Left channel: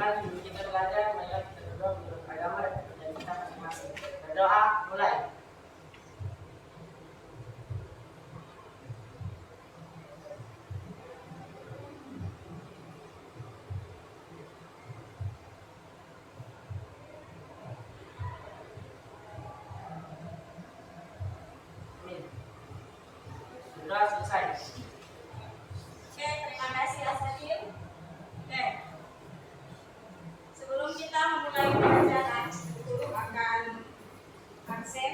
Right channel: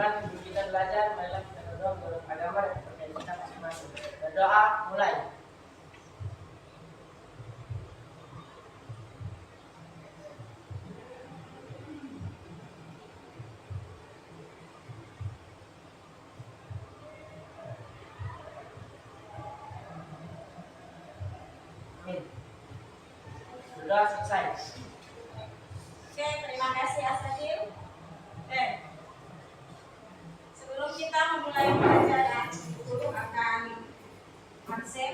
teman-teman, sebelum kita belajar, marilah kita berdoa menurut agama dan kepercayaan kita masing-masing. Berdoa, mulai. Amin. Berdoa selesai. Oke, terima kasih Asadil. Oke, sebelum kita memulai pelajaran, guru akan absen.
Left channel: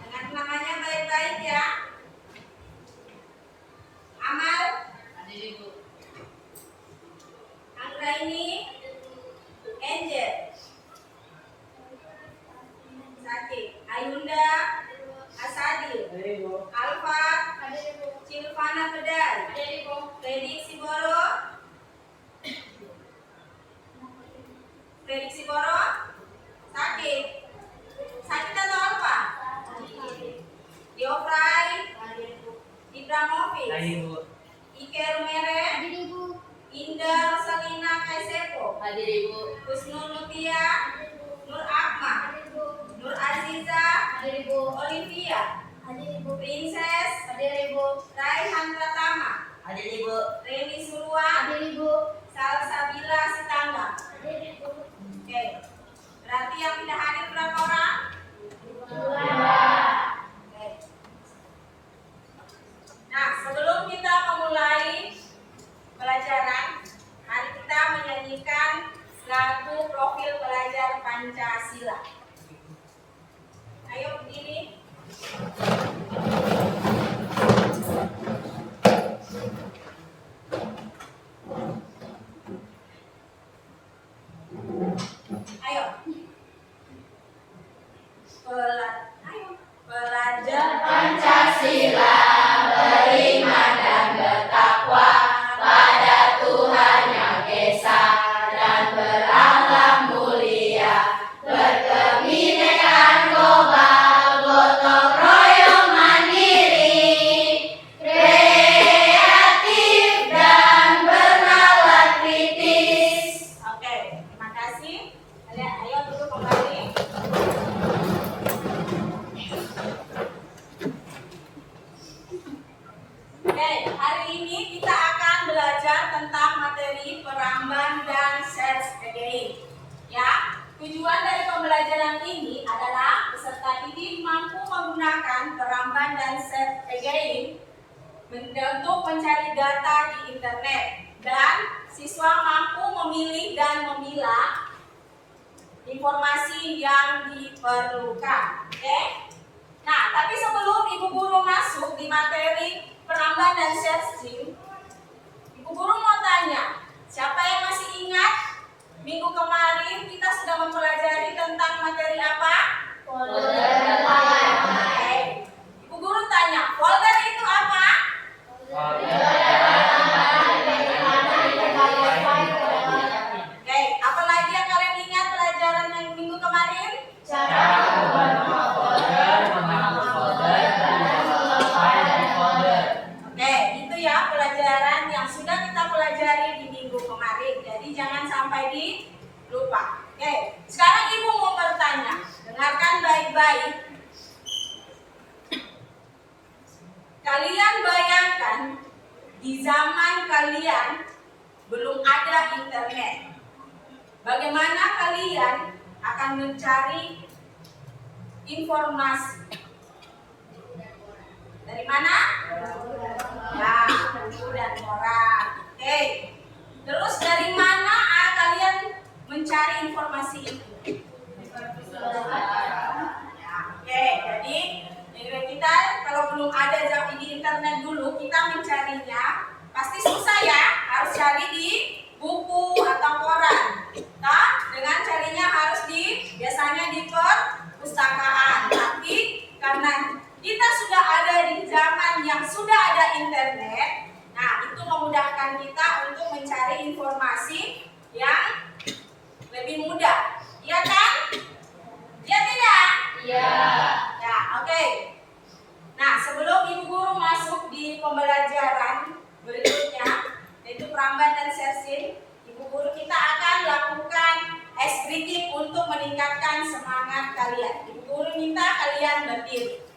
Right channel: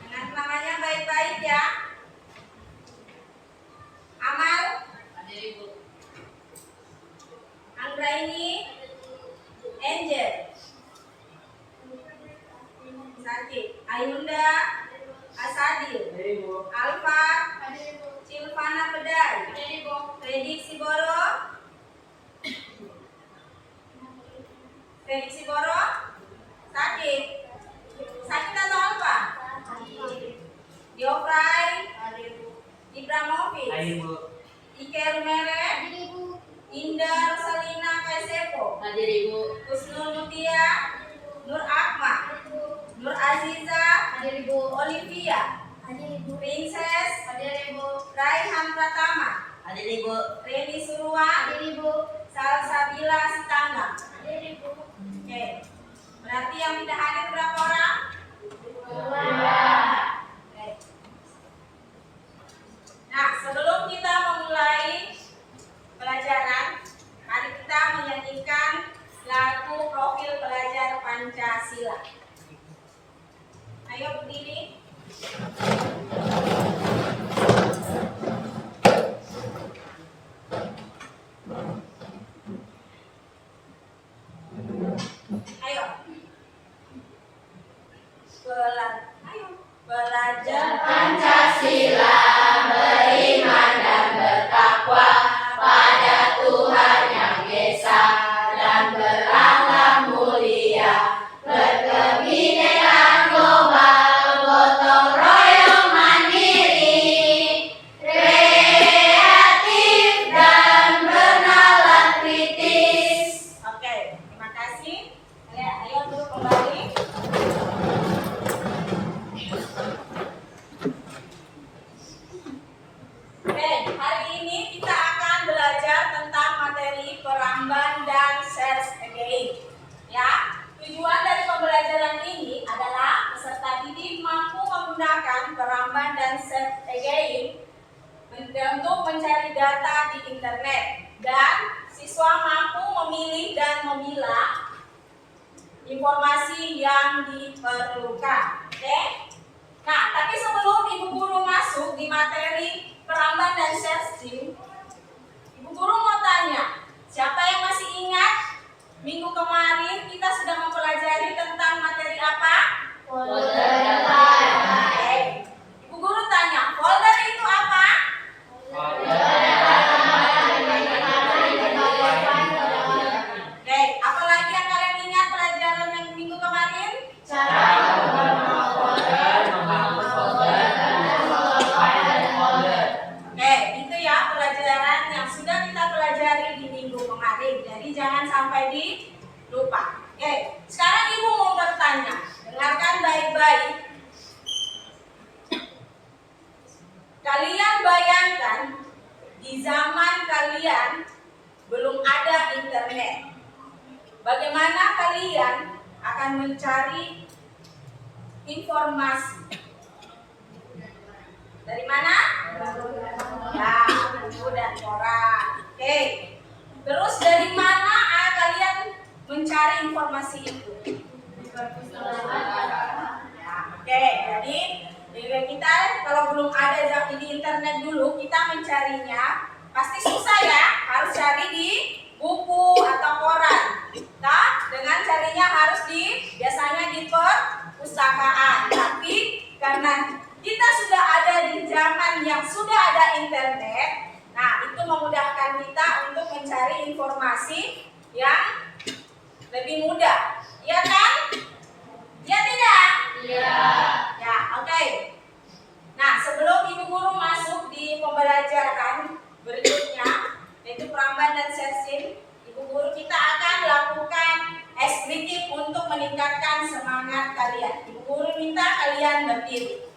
Dengan namanya baik-baik ya. Amal, Hadir Ibu. Anggraini, Angel, Sakit, Ayunda, Asadil, Hadir Ibu. Alfa, Silvana Pedai, Redik Siboro, Sakit, Sakit atau Alfa? Dioprai, Ibramovic, Hadir Ibu. Ike Rumere, Indah Rosalina Kaisepo, Hadir Ibu. Husnul Mutia, Nur Akmal, Nur Aziza, Hadir Ibu. Olivia, Princess, Raihan Pratama, Hadir Ibu. Reni Suruan, Salsabila Sitangga. Oke, berarti yang tidak hadir berapa orang? Oke. Nah, sebelum kita memulai pelajaran, mari kita menyanyikan lagu profil pelajar Pancasila. Ayo berdiri. Ayo. Pelajar Pancasila beriman dan bertakwa pada Tuhan Yang Esa dan berakhlak mulia, berkebinekaan global, gotong royong mandiri, kreatif dan bernalar kritis. Oke, terima kasih. Ayo duduk kembali. Oke, hari ini kita akan belajar tentang materi peramban dan search again. Ya, tujuan dari pembelajaran ini adalah peserta didik mampu menggunakan peramban dan search again untuk mencari data di internet, dan siswa mampu memilih dan memilah informasi yang diperlukan. Oke? Nah, tapi sebelum Ibu Guru masuk di materi peramban dan searching, Ibu Guru mau tanya, siapa yang masih ingat minggu kemarin kita sudah mempelajari tentang materi apa? Folder. Oke. Ibu Guru tanya, folder itu apa? Oke, apalagi yang kalian ingat pelajaran yang minggu kemarin? Oke, itu ya pelajaran yang sudah kita pelajari di minggu kemarin. Jadi jangan sampai dilupa. Oke, sekarang Ibu mau bertanya. Dengarkan baik-baik. Kalian bayangkan di zaman kalian belum ada internet. Bagaimana kalian akan mencari informasi? Dari mana? Ya, buku dan koran. Oke. Terus dari mana kalian mencari informasi itu? Ya, oke. Jadi kita kalau belum ada di internet dulu, kita mencarinya pasti susah ya. Harus cari di buku atau koran. Nah, dengan carinya harus biasanya di perpustakaan. Tapi karena kita sudah ada di zaman yang sudah ada internet, nah itu memudahkan kita untuk mencari informasi yang lebih mudah, iya kan? Iya tidak? Iya. Ya, oke. Nah, sebelum Ibu Guru masuk di pembelajaran berikutnya, yaitu Pramban dan Sersin, Ibu Guru kita akan lakukan eksplisit untuk meningkatkan semangat kalian. Ibu Guru minta kalian berdiri.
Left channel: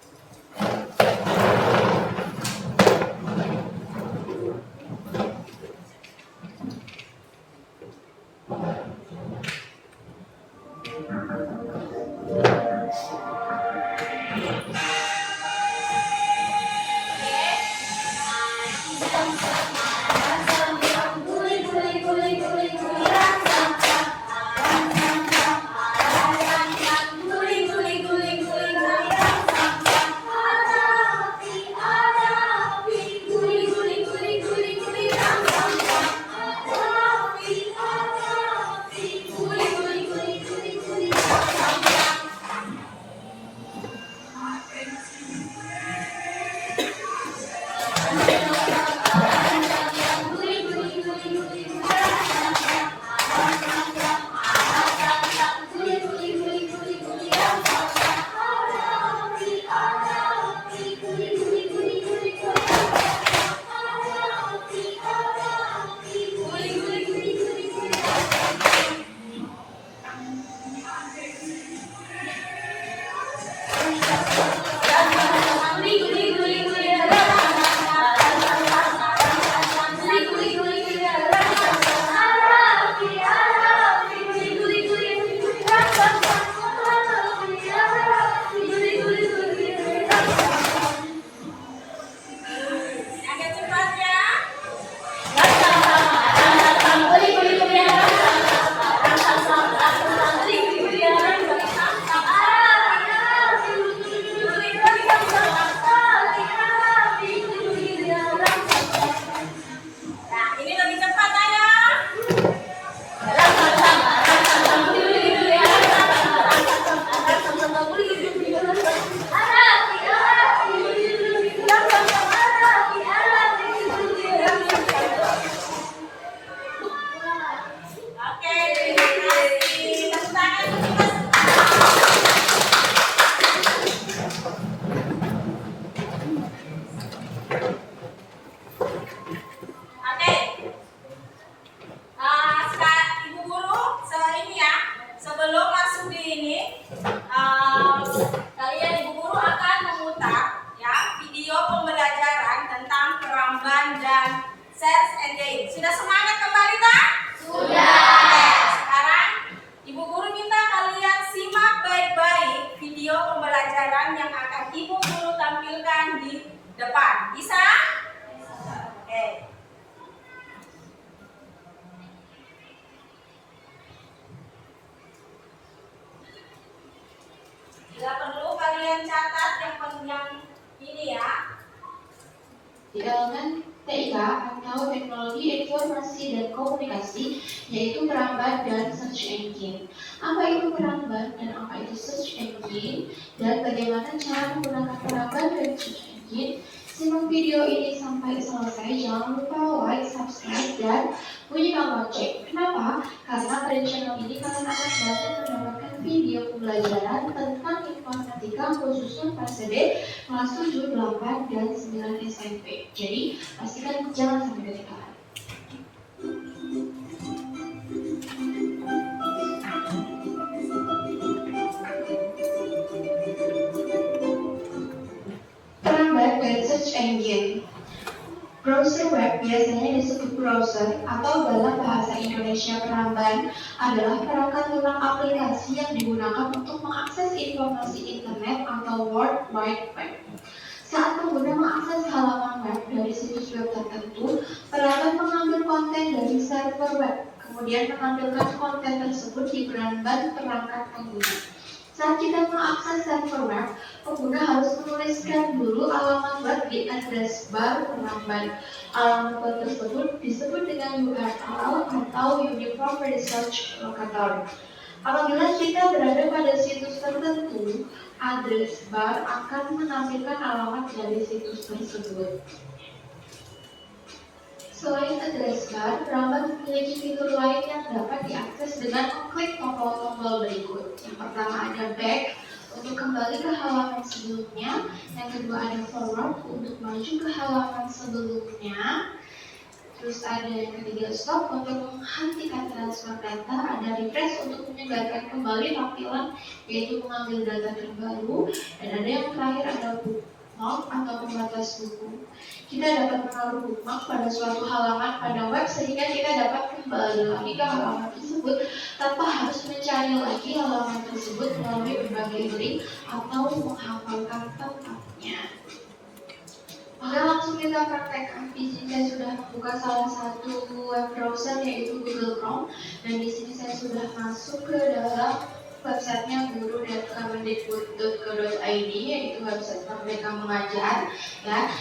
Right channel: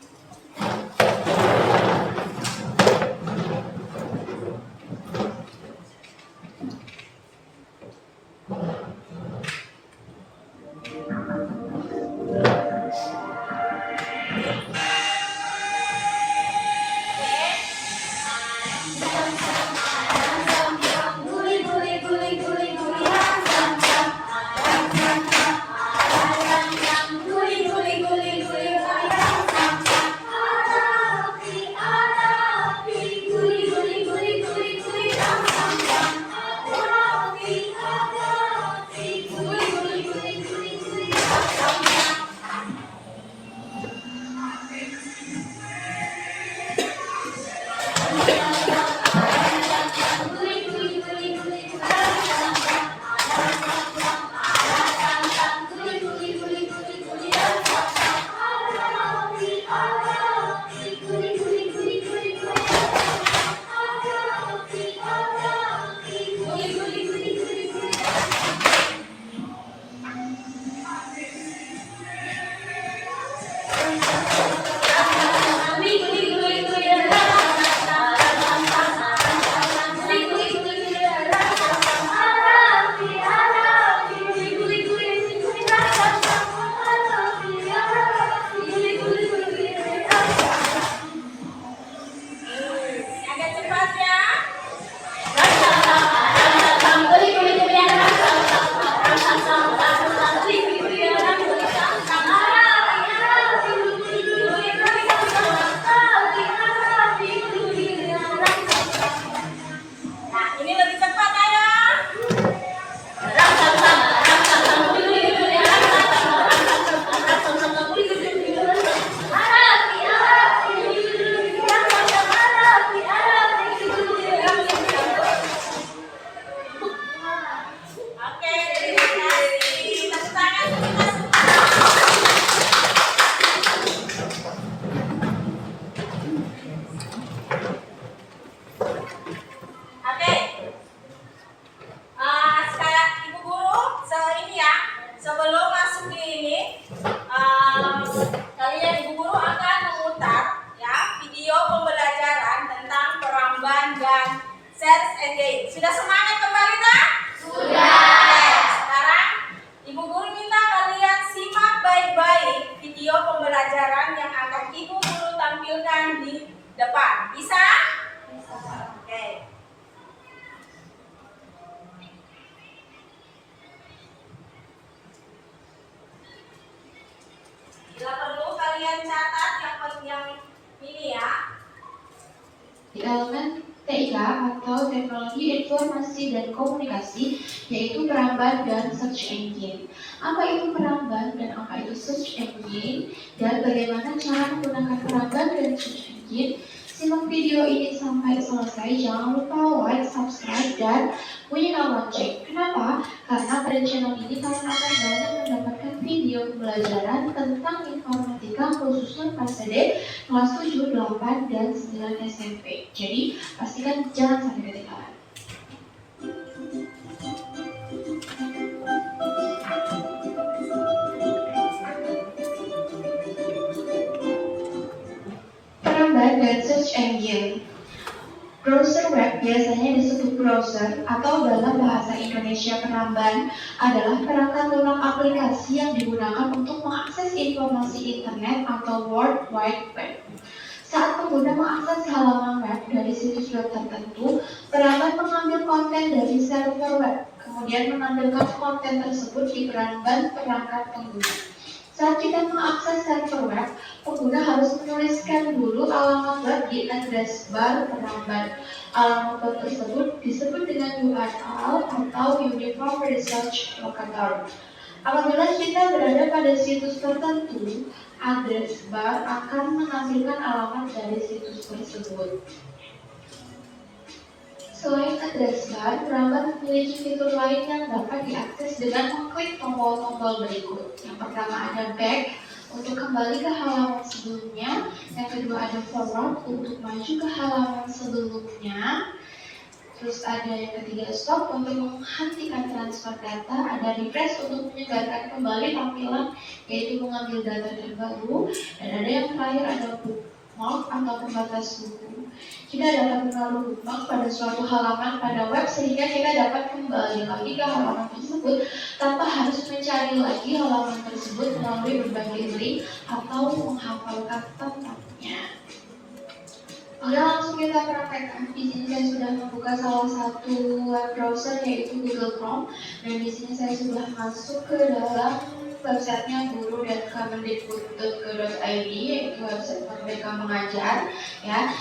Agak cepat ya. Nah, ini lebih cepat ayo. Oke, terima kasih. Tepuk tangan untuk kita semua. Oke. Sekarang Ibu Guru, ini ya, sebelum masuk di ini, kalian Ibu Guru akan memutar ya video pembelajaran tentang Pramban dan Search Engine. Sudah semangat kembali tak? Sudah. Oke, sekarang Ibu Guru minta kalian simak baik-baik video pembelajaran yang akan Ibu Guru tampilkan di depan. Bisa? Oke. Bila perlu kalian catat yang ini ya. Di elemen TIK atau Teknologi Informasi dan Komunikasi, yaitu Pramban dan Search Engine. Apa itu Pramban dan apa itu Search Engine, dan bagaimana cara menggunakan Pramban dan Search Engine? Simak video ini sampai selesai, jangan lupa like, subscribe, dan bunyikan lonceng. Kenapa? Karena pada channel ini kalian akan banyak mendapatkan video pembelajaran tentang informatika khususnya PSD kelas 7, 8, dan 9 SMP. Jadi, pastikan jangan sampai ketinggalan. Pramban dan Search Engine. Browser web biasanya disebut browser atau dalam bahasa Indonesia Pramban adalah perangkat lunak aplikasi yang digunakan untuk mengakses informasi internet atau World Wide Web. Saat pengguna mengakses halaman web dari situs web tertentu, perangkat mengambil konten dari server web, kemudian menampilkan konten tersebut di Pramban perangkat pengguna. Saat kita mengakses server web, pengguna harus menuliskan dulu alamat web di address bar Pramban. Alamat web tersebut disebut dengan URL atau Uniform Research Locator. Apabila kita berada pada situs tertentu, address bar akan menampilkan alamat dari situs tersebut. Selain address bar, Peramban memiliki fitur lain yang dapat diakses dengan mengklik tombol-tombol berikut. Yang pertama ada back untuk kembali ke halaman sebelumnya, yang kedua ada forward untuk maju ke halaman sebelumnya, terus ada yang ketiga stop untuk menghentikan transfer data, ada refresh untuk menyegarkan kembali tampilan yaitu mengambil data terbaru, dan ada yang terakhir ada bookmark atau pembatas buku. Kita dapat menaruh bookmark pada suatu halaman pada web sehingga kita dapat kembali lagi ke halaman tersebut tanpa harus mencari lagi halaman tersebut melalui berbagai link atau menghafalkan tempatnya. Oke, langsung kita praktekkan. Di sini saya sudah membuka salah satu web browser yaitu Google Chrome, dan di sini saya sudah masuk ke dalam websitenya guru.kemendikbud.go.id, yaitu website Merdeka Mengajar. Ya,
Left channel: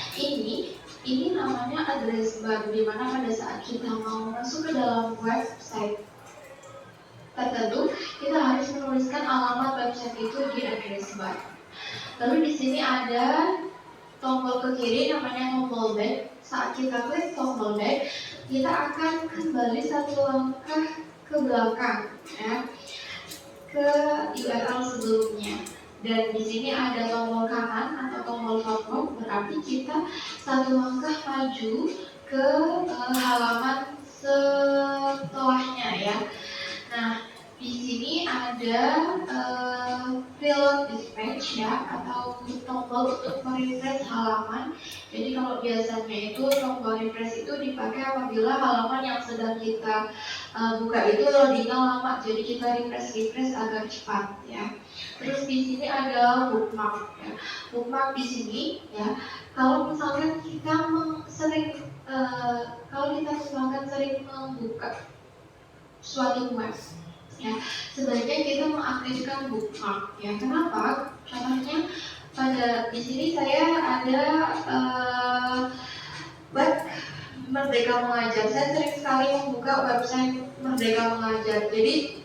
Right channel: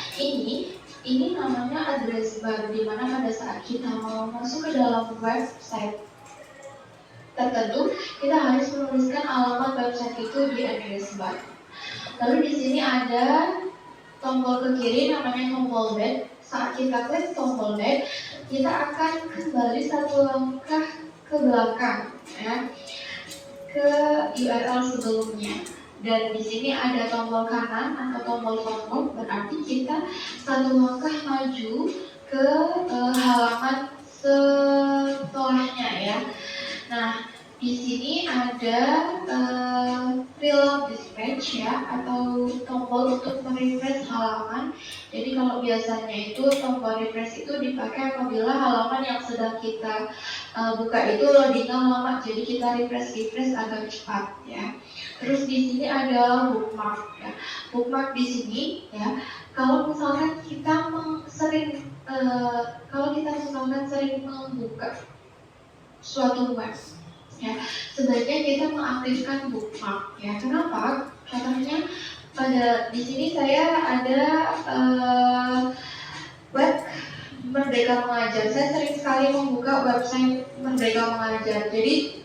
ini namanya address bar, di mana pada saat kita mau masuk ke dalam website tertentu, kita harus menuliskan alamat website itu di address bar. Lalu di sini ada tombol ke kiri namanya tombol back. Saat kita klik tombol back, kita akan kembali satu langkah ke belakang, ya, ke URL sebelumnya. Dan di sini ada tombol kanan atau tombol forward, berarti kita satu langkah maju ke halaman setelahnya, ya. Nah, di sini ada preload dispatch, ya, atau tombol untuk merefresh halaman. Jadi kalau biasanya itu tombol refresh itu dipakai apabila halaman yang sedang kita buka itu loadingnya lama, jadi kita refresh agar cepat, ya. Terus di sini ada bookmark, ya. Bookmark di sini, ya, kalau misalkan kita sering membuka suatu web, ya, sebaiknya kita mengaktifkan bookmark, ya. Kenapa? Contohnya pada di sini saya ada web Merdeka Mengajar. Saya sering sekali membuka website Merdeka Mengajar. Jadi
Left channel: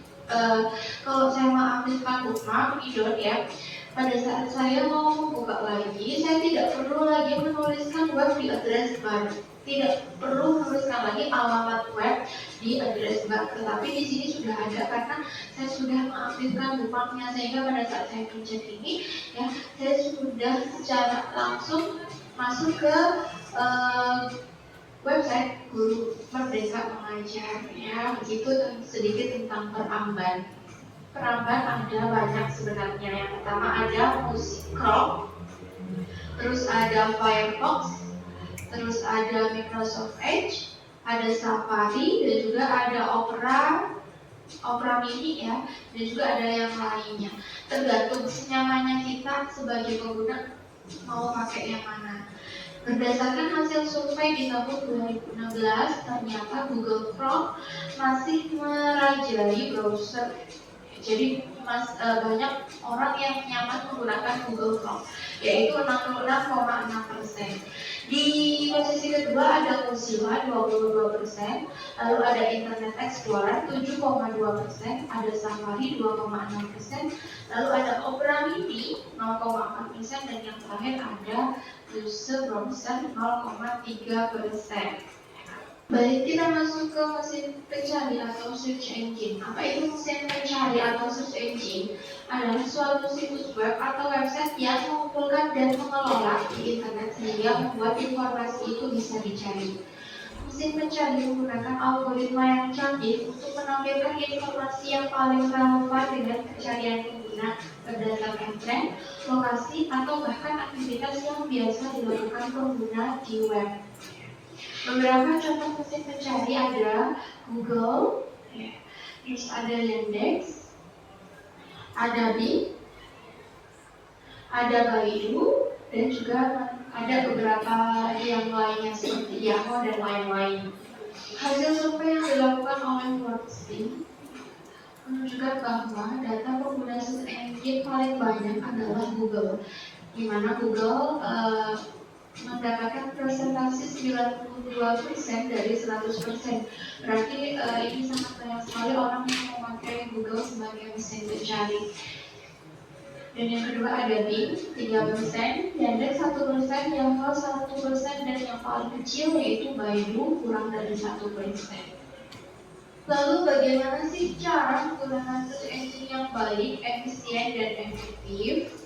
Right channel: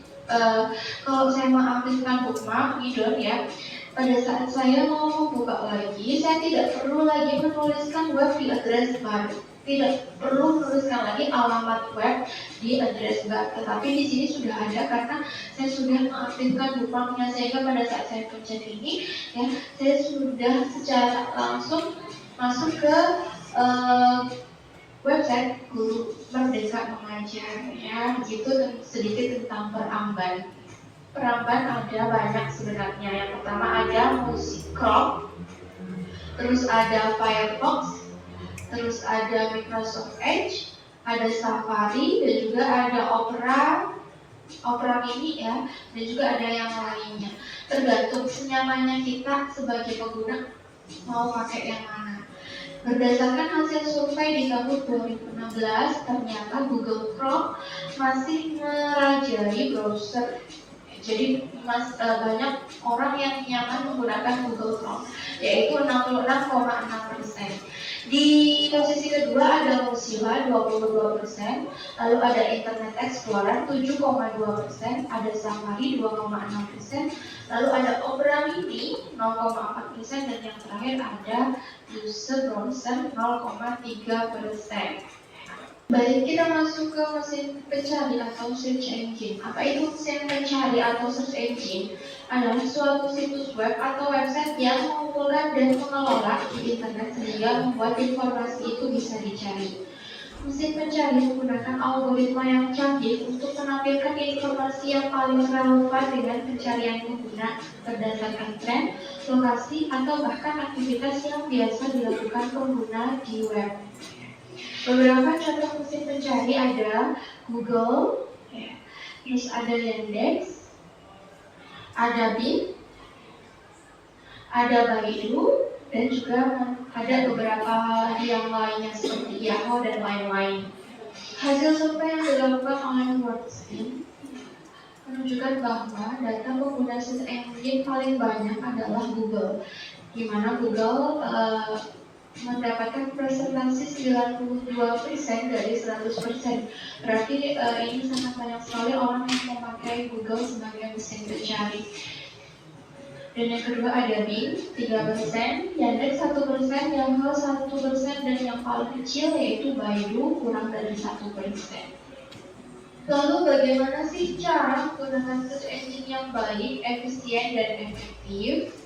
kalau saya mengaktifkan bookmark gitu, ya, pada saat saya mau buka lagi, saya tidak perlu lagi menuliskan web di address bar. Tidak perlu menuliskan lagi alamat web di address bar, tetapi di sini sudah ada karena saya sudah mengaktifkan bookmarknya, sehingga pada saat saya pencet ini, ya, saya sudah secara langsung masuk ke website Guru Merdeka Mengajar, ya. Begitu sedikit tentang Peramban. Peramban ada banyak sebenarnya. Yang pertama ada Musicrom, terus ada Firefox, terus ada Microsoft Edge, ada Safari, dan juga ada Opera Mini, ya, dan juga ada yang lainnya. Tergantung senyamannya kita sebagai pengguna mau pakai yang mana. Berdasarkan hasil survei di tahun 2016, ternyata Google Chrome masih merajai browser. Jadi banyak orang yang nyaman menggunakan Google Chrome, yaitu 66,6%. Di posisi kedua ada Mozilla 22%, lalu ada Internet Explorer 7,2%, ada Safari 2,6%, lalu ada Opera Mini 0,4%, dan yang terakhir ada Browser 0,3%. Baik, kita masuk ke mesin pencari atau search engine. Apa itu mesin pencari atau search engine? Adalah suatu situs web atau website yang mengumpulkan dan mengelola di internet sehingga membuat informasi itu bisa dicari. Mesin pencari menggunakan algoritma yang canggih untuk menampilkan informasi yang paling relevan dengan pencarian pengguna berdasarkan tren, lokasi, atau bahkan aktivitas yang biasa dilakukan pengguna di web. Beberapa contoh mesin pencari ada Google, ya, terus ada Yandex, ada Bing, ada Baidu, dan juga ada beberapa yang lainnya seperti Yahoo dan lain-lain. Hasil survei yang dilakukan oleh WordSpin menunjukkan bahwa data pengguna search engine paling banyak adalah Google, di mana Google mendapatkan presentasi 92% dari 100%. Berarti ini sangat banyak sekali orang yang memakai Google sebagai mesin pencari. Dan yang kedua ada BIM 3%, Yandex 1%, Yahoo 1%, dan yang paling kecil yaitu Baidu kurang dari 1%. Lalu bagaimana sih cara menggunakan search engine yang baik, efisien, dan efektif?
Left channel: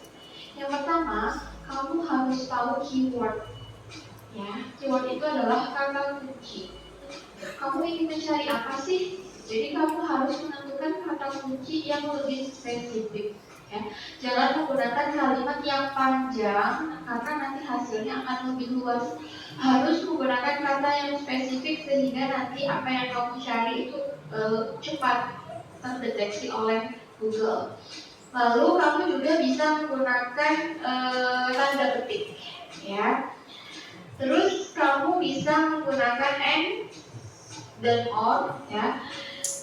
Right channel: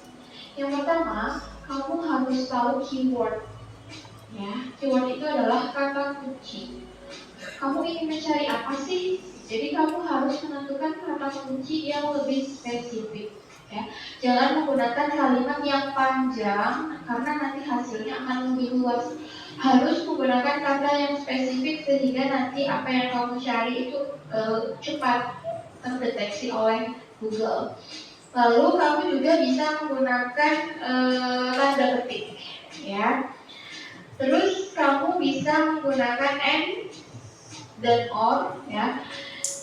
Yang pertama, kamu harus tahu keyword. Ya, keyword itu adalah kata kunci. Kamu ingin mencari apa sih? Jadi kamu harus menentukan kata kunci yang lebih spesifik. Ya, jangan menggunakan kalimat yang panjang karena nanti hasilnya akan lebih luas. Harus menggunakan kata yang spesifik sehingga nanti apa yang kamu cari itu cepat terdeteksi oleh Google. Lalu kamu juga bisa menggunakan tanda ketik, ya. Terus kamu bisa menggunakan and dan or, ya.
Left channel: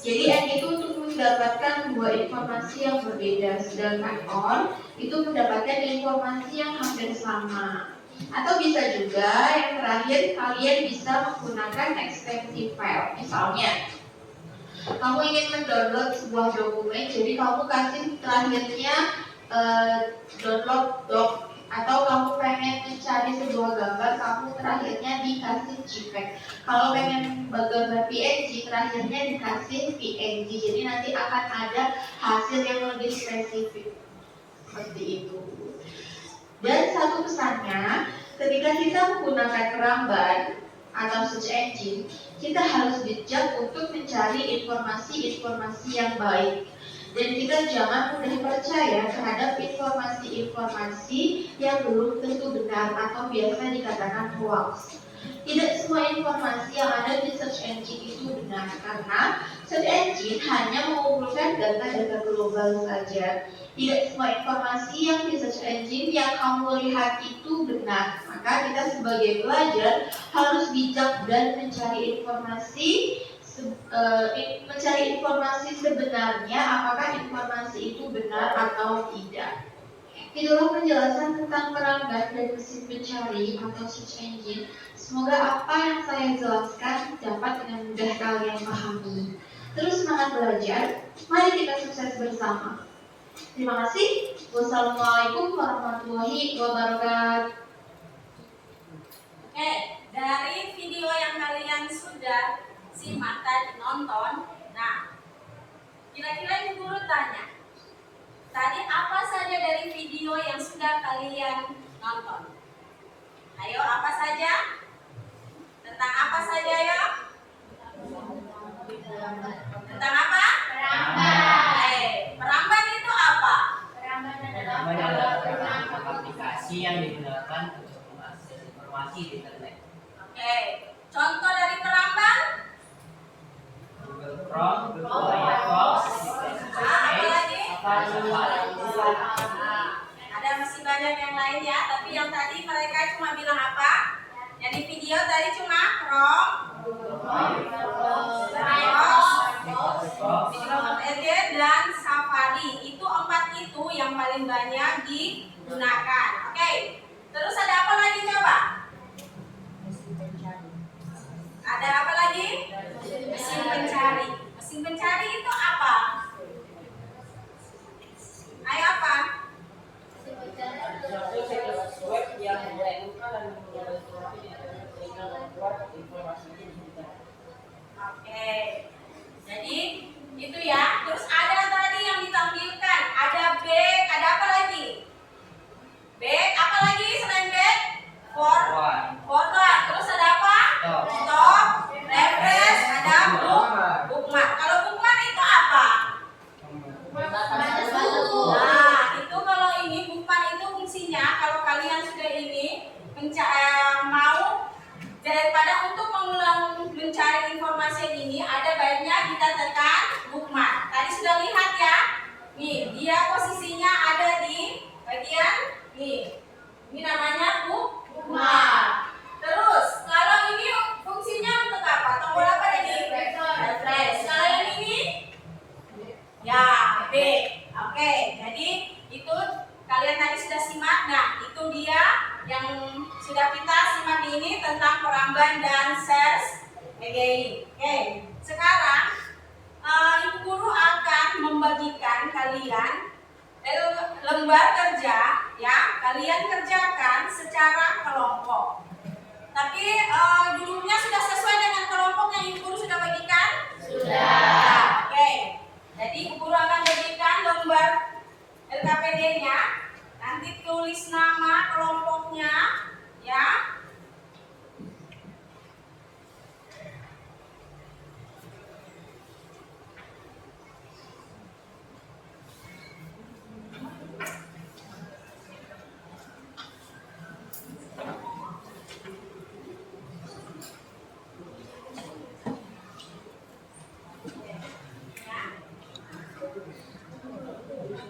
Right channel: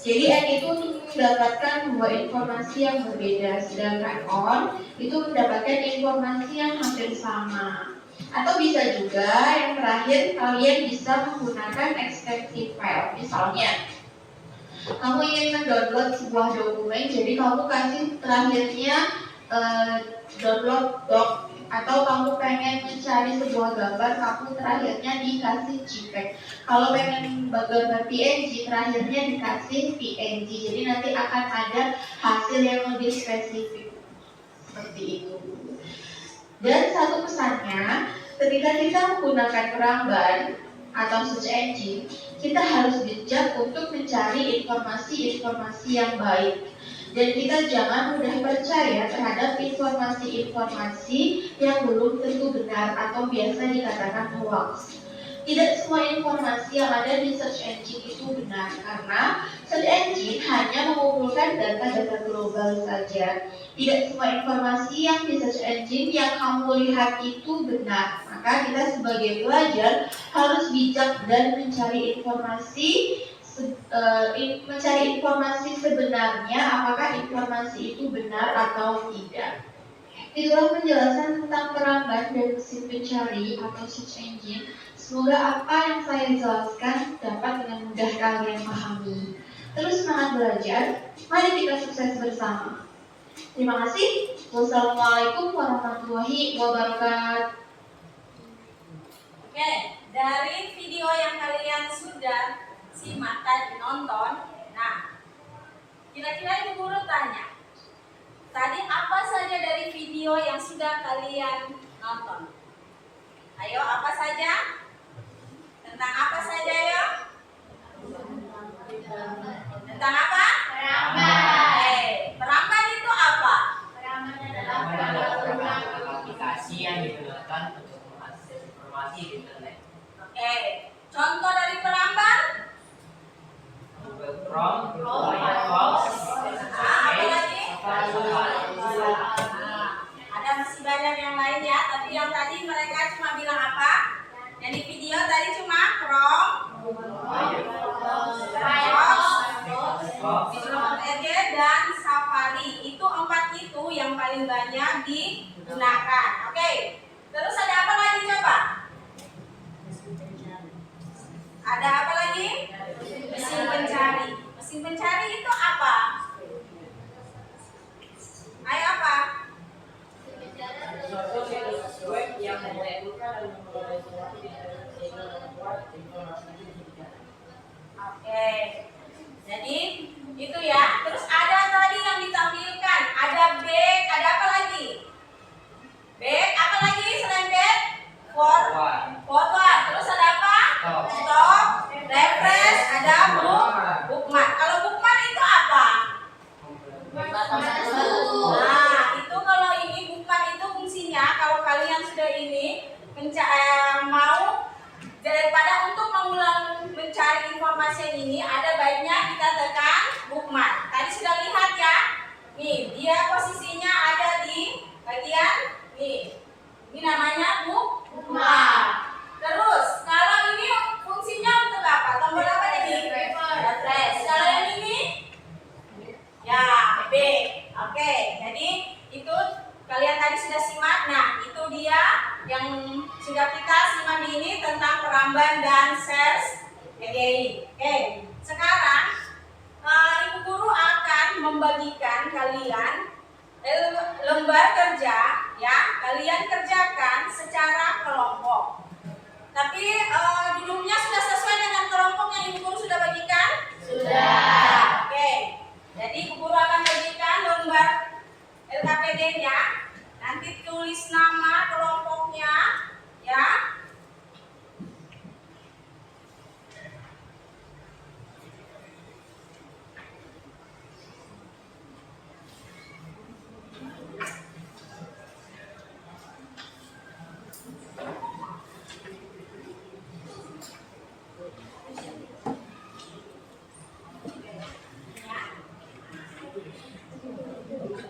Jadi and itu untuk mendapatkan dua informasi yang berbeda, sedangkan or itu mendapatkan informasi yang hampir sama. Atau bisa juga yang terakhir kalian bisa menggunakan extensive file. Misalnya kamu ingin mendownload sebuah dokumen, jadi kamu kasih terakhirnya download doc, atau kamu pengen mencari sebuah gambar, kamu terakhirnya dikasih JPEG. Kalau pengen gambar PNG, terakhirnya dikasih PNG. Jadi nanti akan ada hasil yang lebih spesifik seperti itu. Dan satu pesannya, ketika kita menggunakan Peramban atau search engine, kita harus bijak untuk mencari informasi-informasi yang baik. Dan kita jangan mudah percaya terhadap informasi-informasi yang belum tentu benar atau biasa dikatakan hoax. Tidak semua informasi yang ada di search engine itu benar, karena search engine hanya mengumpulkan data-data global saja. Tidak semua informasi yang di search engine yang kamu lihat itu benar. Maka kita sebagai pelajar harus bijak dan mencari informasi sebenarnya, apakah informasi itu benar atau tidak. Itulah penjelasan tentang Peramban dan mesin pencari atau search engine. Semoga apa yang saya jelaskan dapat dengan mudah kalian pahami. Terus semangat belajar, mari kita sukses bersama. Terima kasih. Wassalamualaikum warahmatullahi wabarakatuh. Oke, dari video yang kalian sudah simak tadi, nonton, nah, kira-kira Ibu Guru tanya, tadi apa saja dari video yang sudah kalian nonton? Ayo, apa saja? Tentang apa saja ya? Tentang apa? Peramban. Peramban itu apa? Peramban Peramban adalah aplikasi yang digunakan untuk mengakses informasi di internet. Oke, contoh dari Peramban? Google Chrome, Google Firefox, Apa lagi? Safari. Ada masih banyak yang lain ya, tapi yang tadi mereka cuma bilang apa? Yang di video tadi cuma Chrome, Firefox, Microsoft Edge, dan Safari. Itu 4 itu yang paling banyak digunakan. Oke, terus ada apa lagi coba? Ada apa lagi? Mesin pencari. Mesin pencari itu apa? Ayo apa? Suatu situs web yang mengumpulkan dan mengumpulkan informasi di internet sehingga membuat informasi itu bisa dicari. Oke. Jadi itu ya. Terus ada tadi yang ditampilkan, ada back, ada apa lagi? Back, apa lagi selain back? Forward. Terus ada apa? Stop, refresh, ada bookmark. Kalau bookmark itu apa? Nah, itu kalau ini bookmark itu fungsinya kalau kalian sudah ini mau daripada untuk mengulang mencari informasi yang ini, ada baiknya kita tekan bookmark. Tadi sudah lihat ya. Nih, dia posisinya ada di bagian nih. Ini namanya bookmark. Terus, kalau ini fungsinya untuk apa? Tombol apa tadi? Refresh. Kalau yang ini? Ya, B. Oke, jadi itu kalian tadi sudah simak. Nah, itu dia yang sudah kita simak ini tentang Peramban dan search engine. Oke, sekarang Ibu Guru akan membagikan kalian lembar ke Tapi duduknya sudah sesuai dengan kelompok yang Ibu Guru sudah bagikan? Sudah. Oke. Jadi Ibu Guru akan bagikan lembar LKPD-nya. Nanti tulis nama kelompoknya, ya.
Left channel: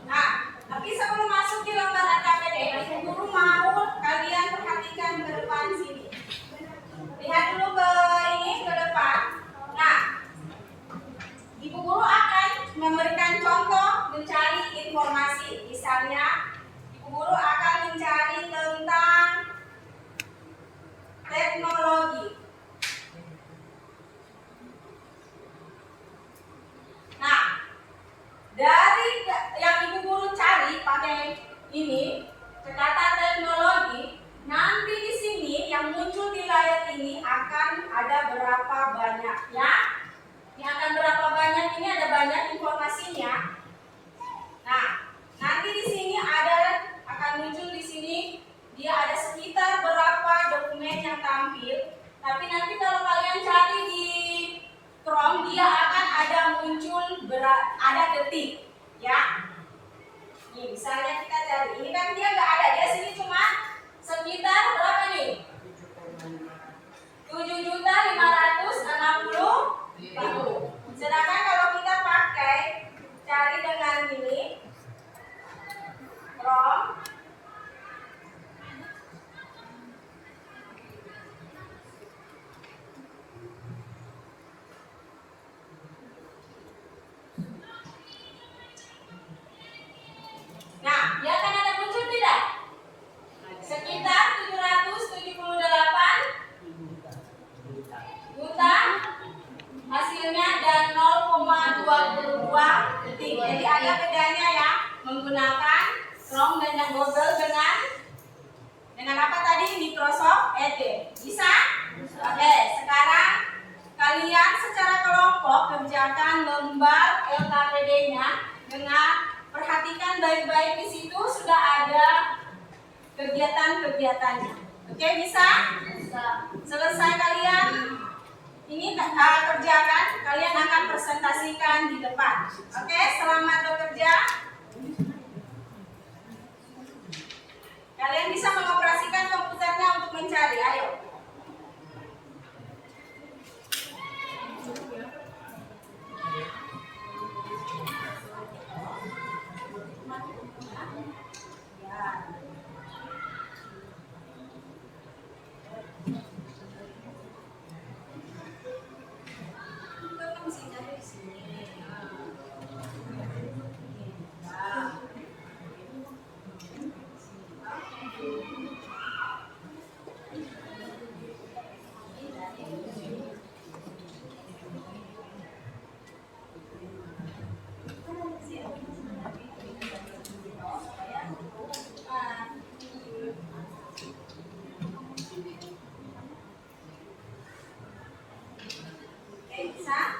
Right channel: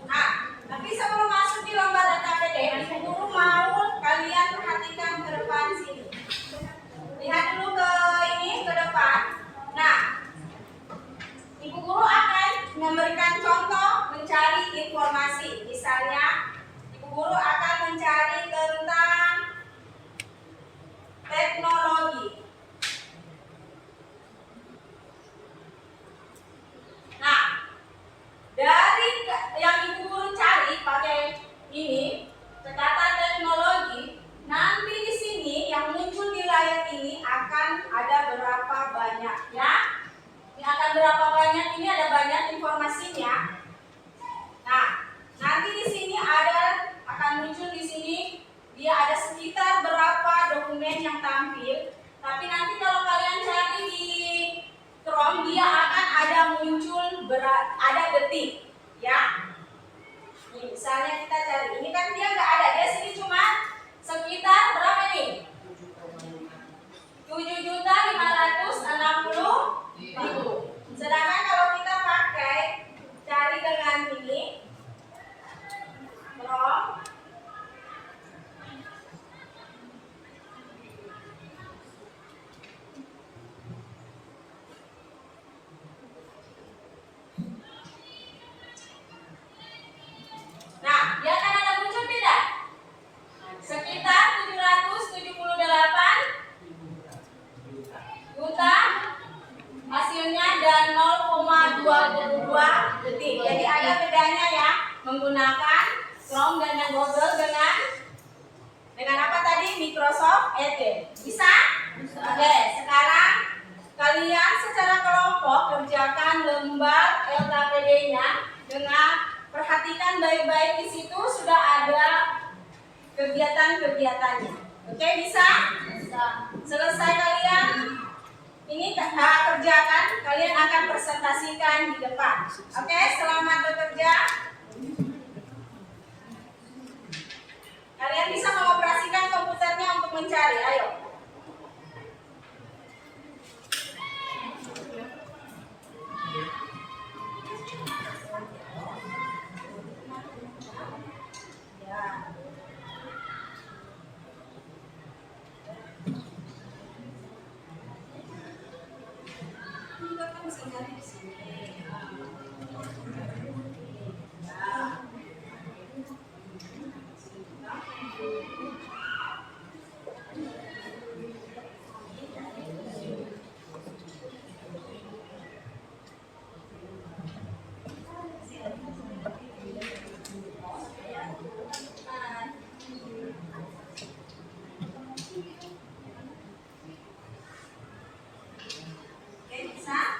Nah, tapi sebelum masuk di lembar LKPD, Ibu Guru mau kalian perhatikan ke depan sini. Lihat dulu ke ini, ke depan. Nah, Ibu Guru akan memberikan contoh mencari informasi. Misalnya, Ibu Guru akan mencari tentang teknologi. Nah, dari yang Ibu Guru cari pakai ini, kata teknologi, nanti di sini yang muncul di layar ini akan ada berapa banyak, ya? Ini akan berapa banyak, ini ada banyak informasinya. Nah, nanti di sini akan muncul di sini, dia ada sekitar berapa dokumen yang tampil. Tapi nanti kalau kalian cari di Chrome, dia akan ada muncul ada detik, ya. Nih, misalnya kita cari, ini kan dia nggak ada, dia sini cuma sekitar berapa nih? 7.560.000. Sedangkan kalau kita pakai cari dengan ini Chrome, nah, dia akan ada muncul tidak? Sekitar 778 juta hasilnya dan 0,22 detik. Jadi ada bedanya ya menggunakan Chrome dan Google dengan apa tadi? Microsoft Edge. Bisa? Oke, sekarang kalian secara kelompok kerjakan lembar LKPD-nya dengan perhatikan baik-baik, di situ sudah ada kegiatan-kegiatannya. Oke, bisa? Selesai kalian ini kerjakan, kalian akan presentasikan di depan. Oke, selamat bekerja. Kalian bisa mengoperasikan komputernya untuk mencari. Ayo. Oke, bisa?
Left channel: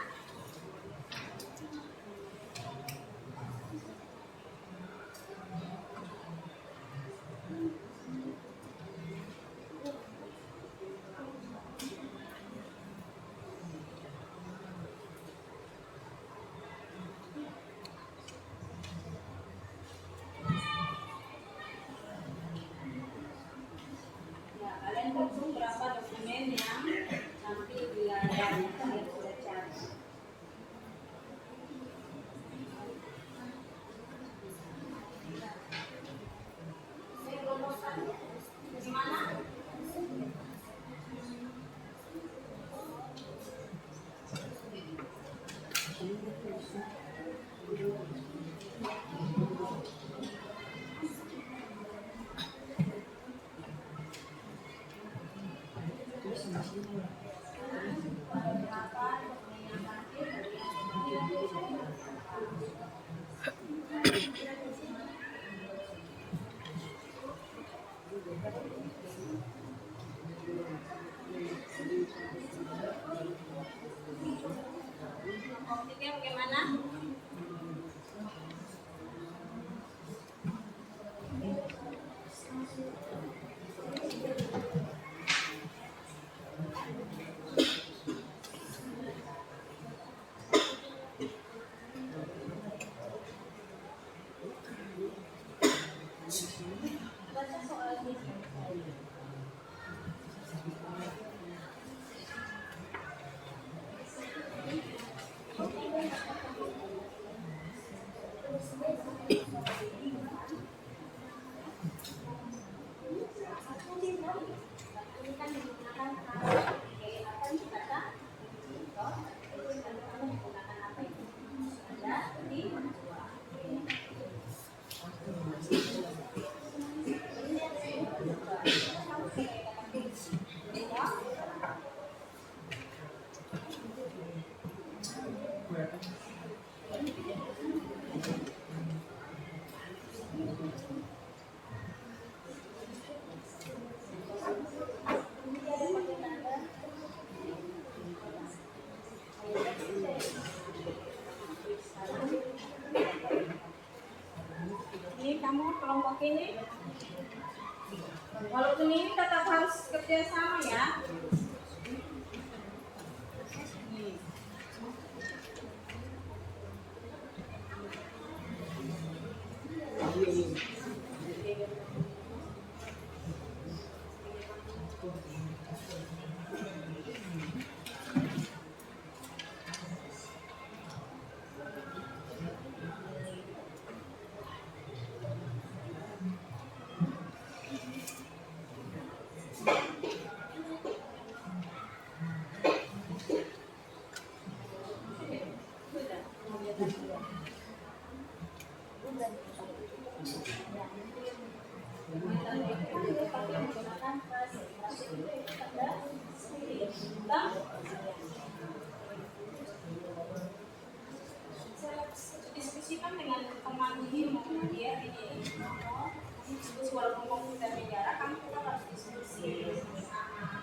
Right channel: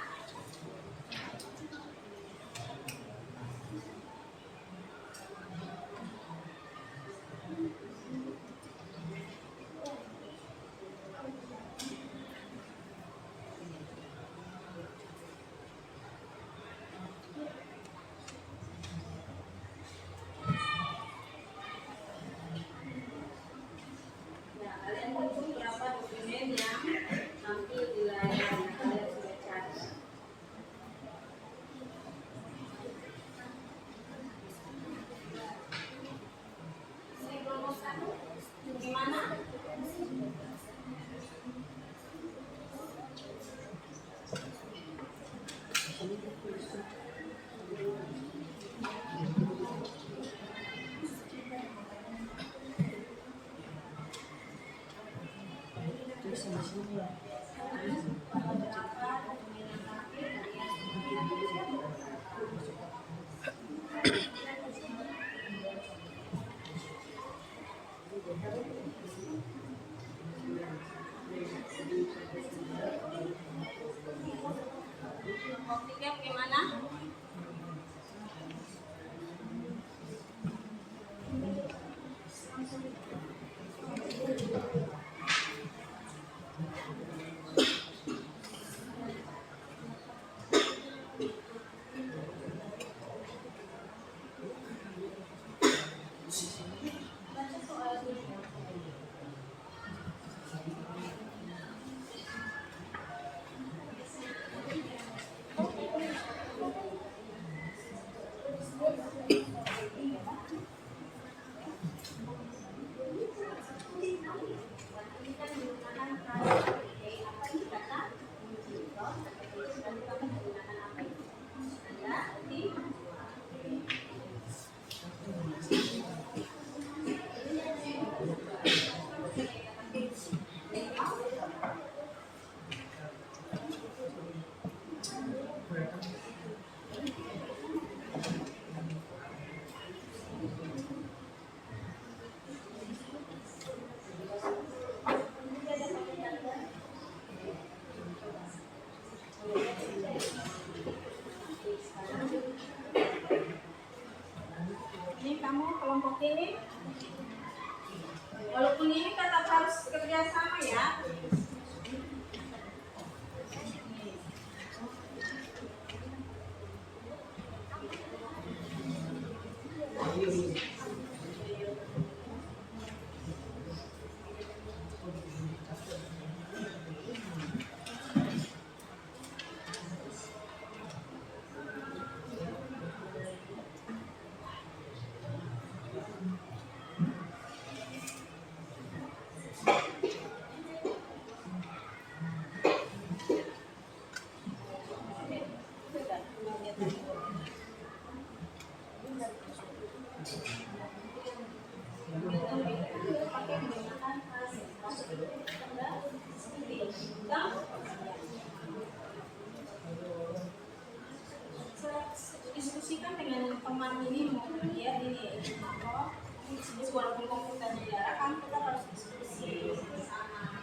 Ini walaupun ini tetap harus kerja sama ya. Diskusikan dengan teman ini mau dia ini walaupun komputernya jarak kan kita harus diskusi sama.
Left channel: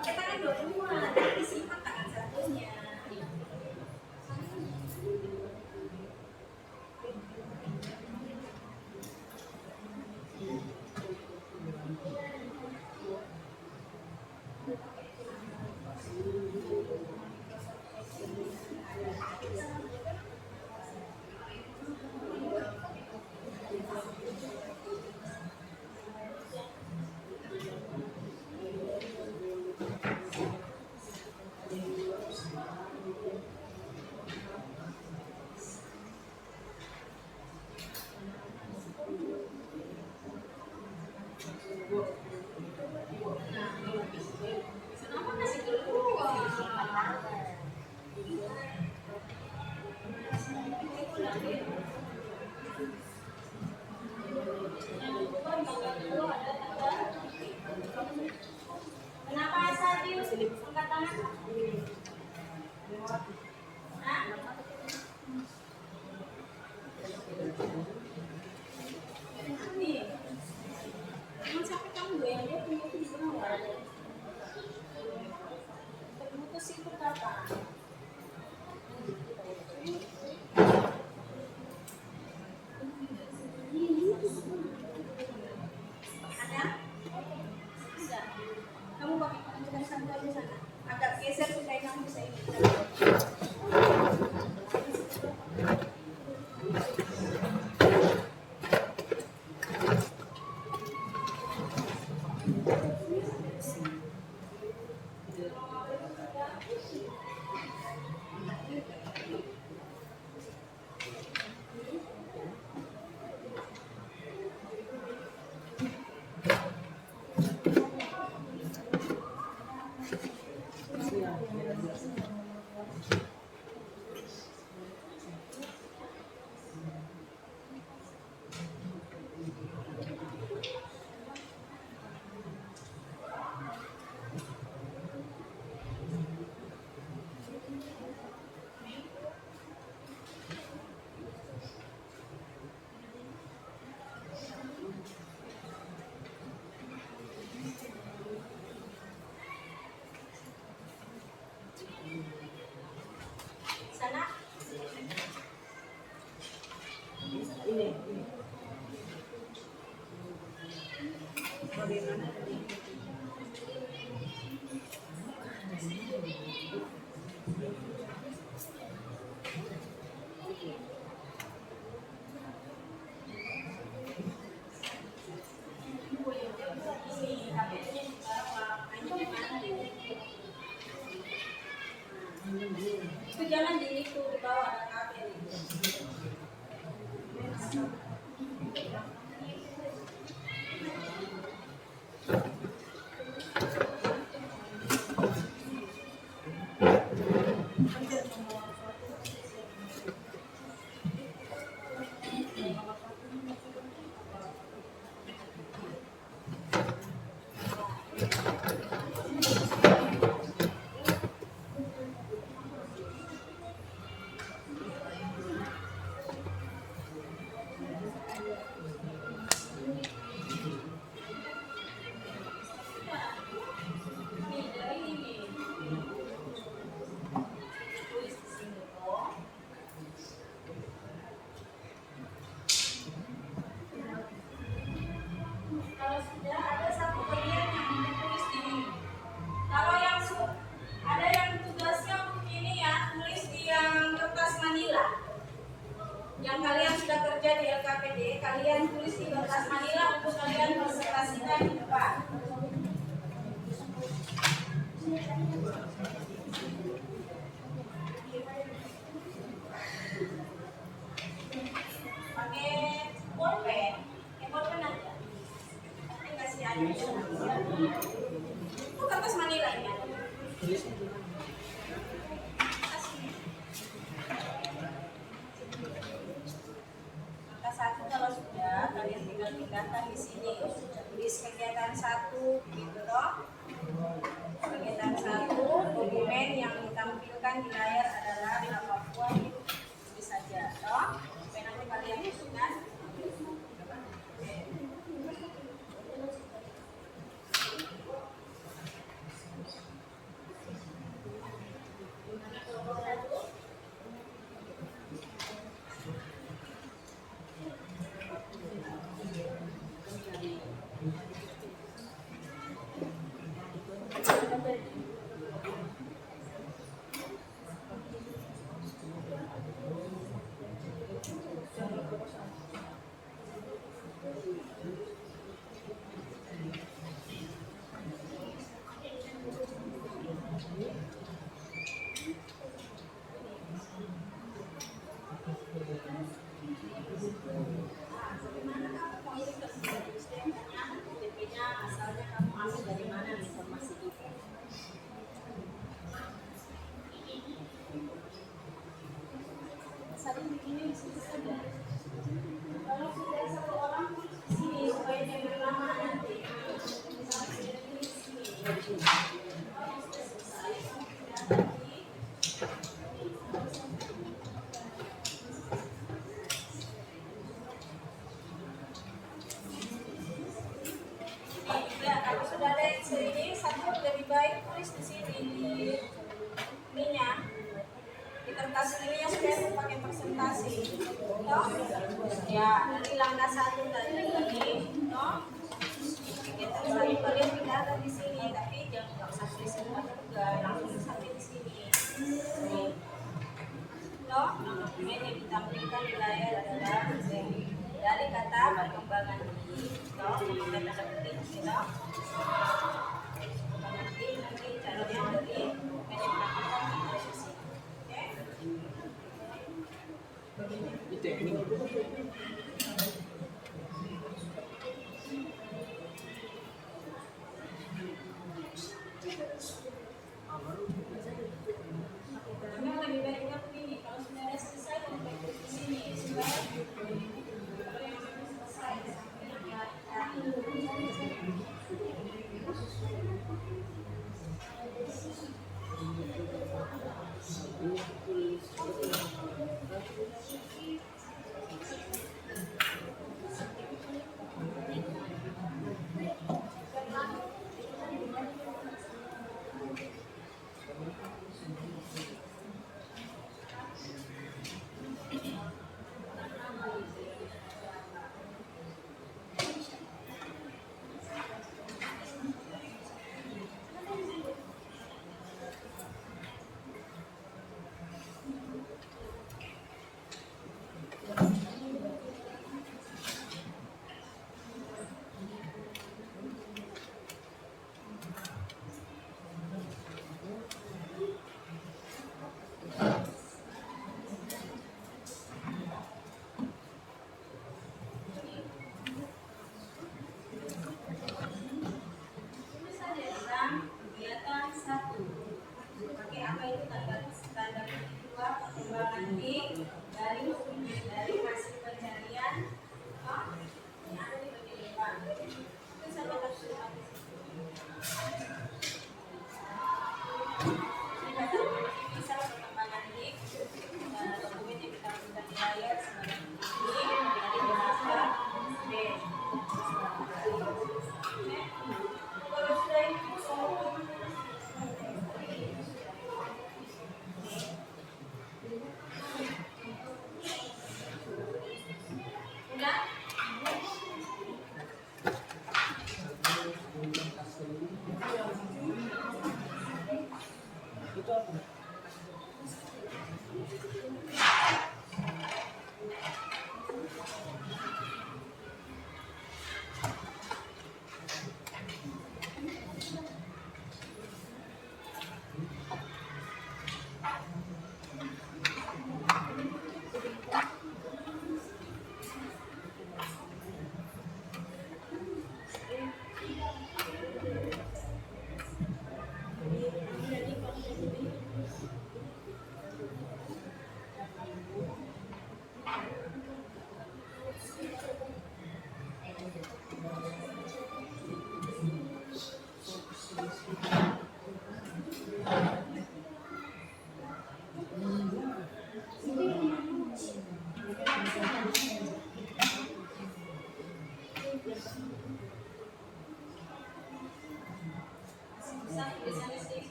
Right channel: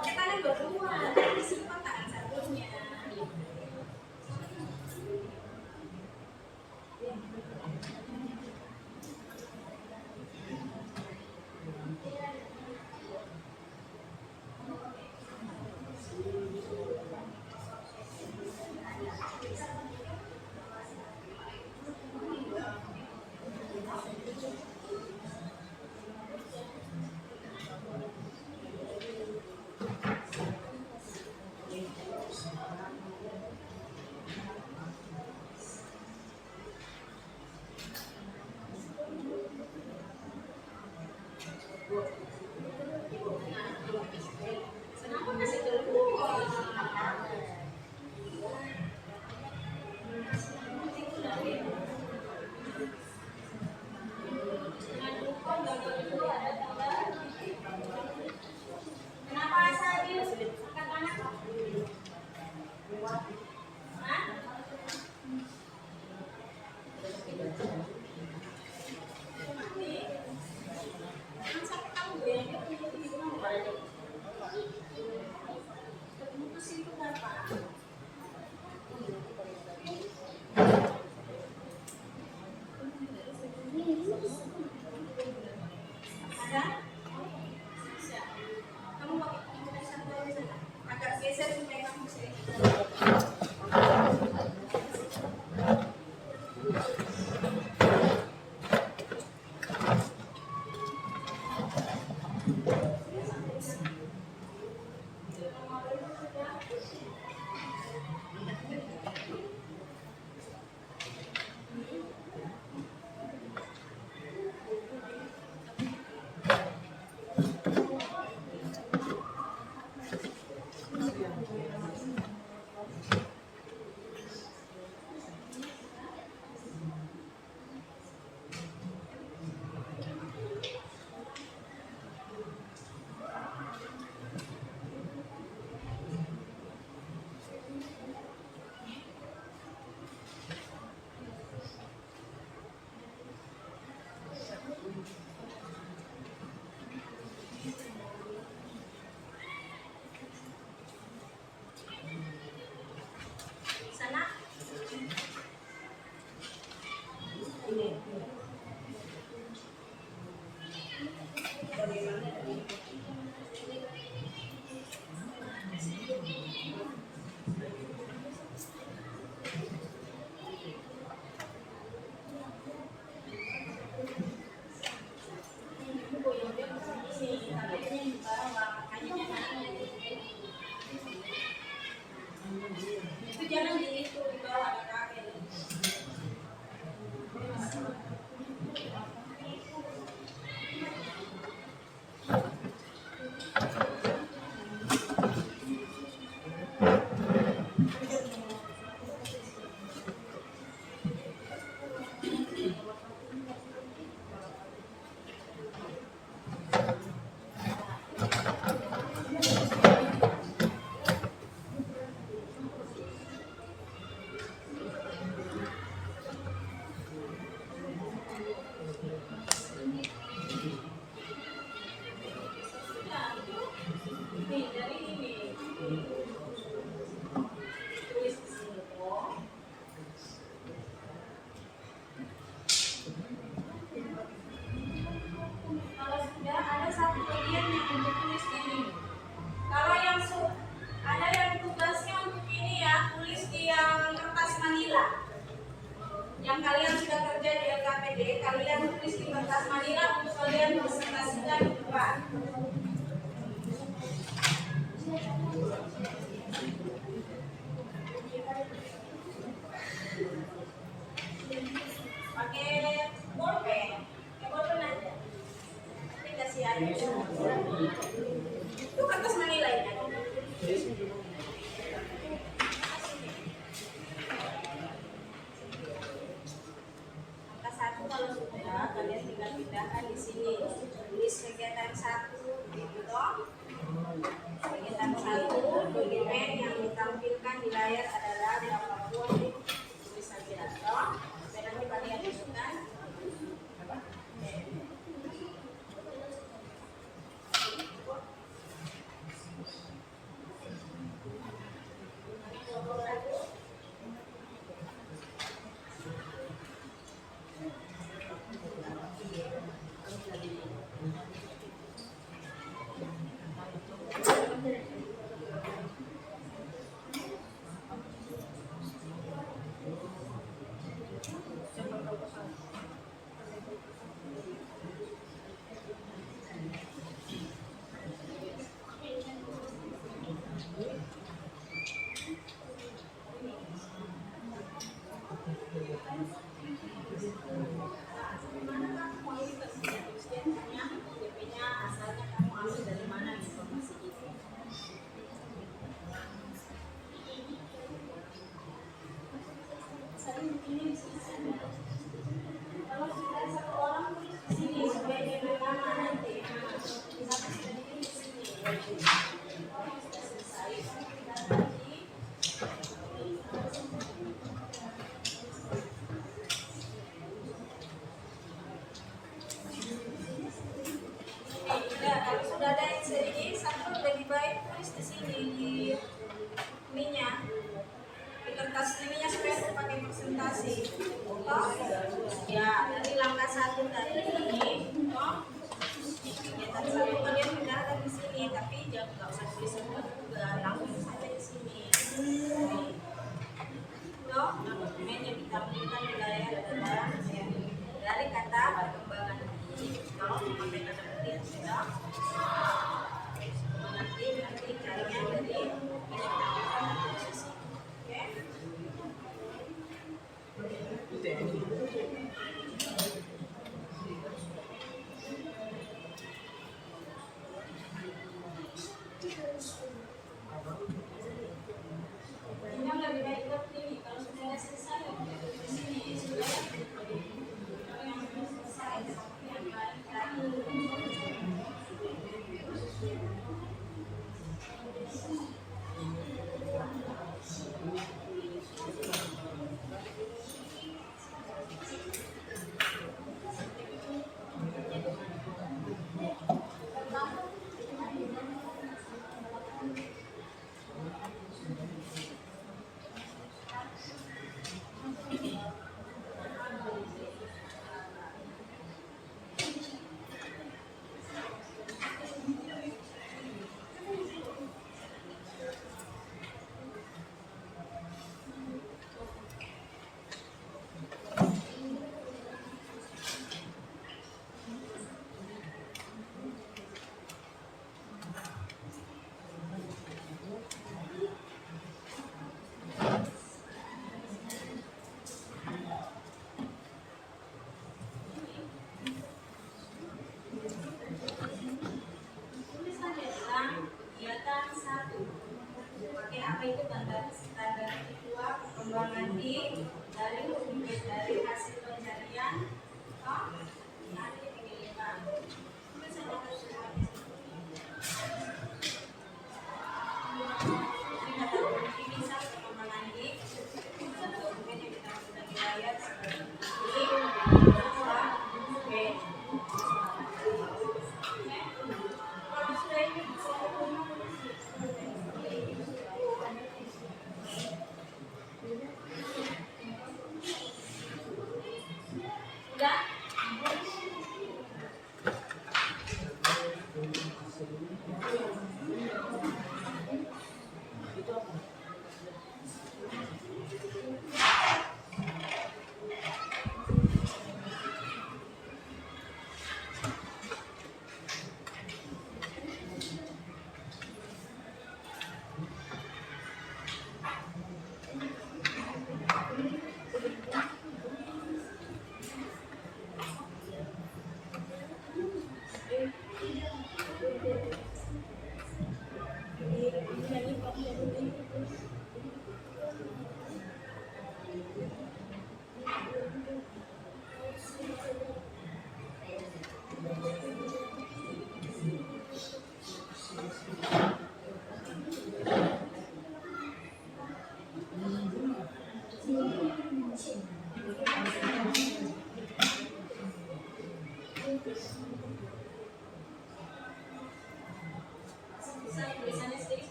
Pakai tangan dua-dua, nanti disimpan tangan satunya. Kenapa masih keluar? Kenapa asal dia angkat tangan? Hah? Nih, jangan sampai kamu goyang dia punya di mana? Mutusin itu apa? sudah di LKPD, kalian tulis di kertas manila untuk kalian presentasikan di depan. Pakai bolpen aja. Nanti kasih aja. Itu kertas manila ini. Angka 1 kalau sudah, kalian tinggal pindahkan di sini. Tulis kegiatan 1 gitu toh. Kegiatan 1, dokumen yang ditampilkan di layar adalah berapapun tulis saja toh. Supaya nanti kalian masukkan. Bagaimana kamu mau ini ke DP-nya asalnya kamu ambil dari mana informasi itu? Saling begini di sini saja. Kalau sudah satu orang tulis di sini supaya dia berlama nanti. Misalnya sudah begini di sini. Kalau sudah selesai, kamu pindah lagi. Kalau sudah ada yang sini, satu lebih baik tulis di sini di ininya, di kertas ininya supaya aku pakai presentasi. Toh, ya dari langkah 1 tadi ini, toh, kegiatan 1 kalian pindahkan di sini, tapi jangan nggak usah tulis semua juga, langsung sampai di sini. Toh, dokumen yang ditampilkan di layar adalah dari kata perkembangan ini, toh, memakai kata penting, toh. Nanti carinya dari dokumen yang ditampilkan di posisi. Oke? Itu ya ini. Yang lebih baik juga begini, kalau sudah selesai kamu tulis di sini supaya kalau yang sudah selesai sampai yang lain. dari hasil pencarian yang ada di bagian depan. Itu saja harus dipakai. Ini kata kunci misal perkembangan HIP dokumen yang ditampilkan di layar sebagai ini bahasa B. Kalau sudah ini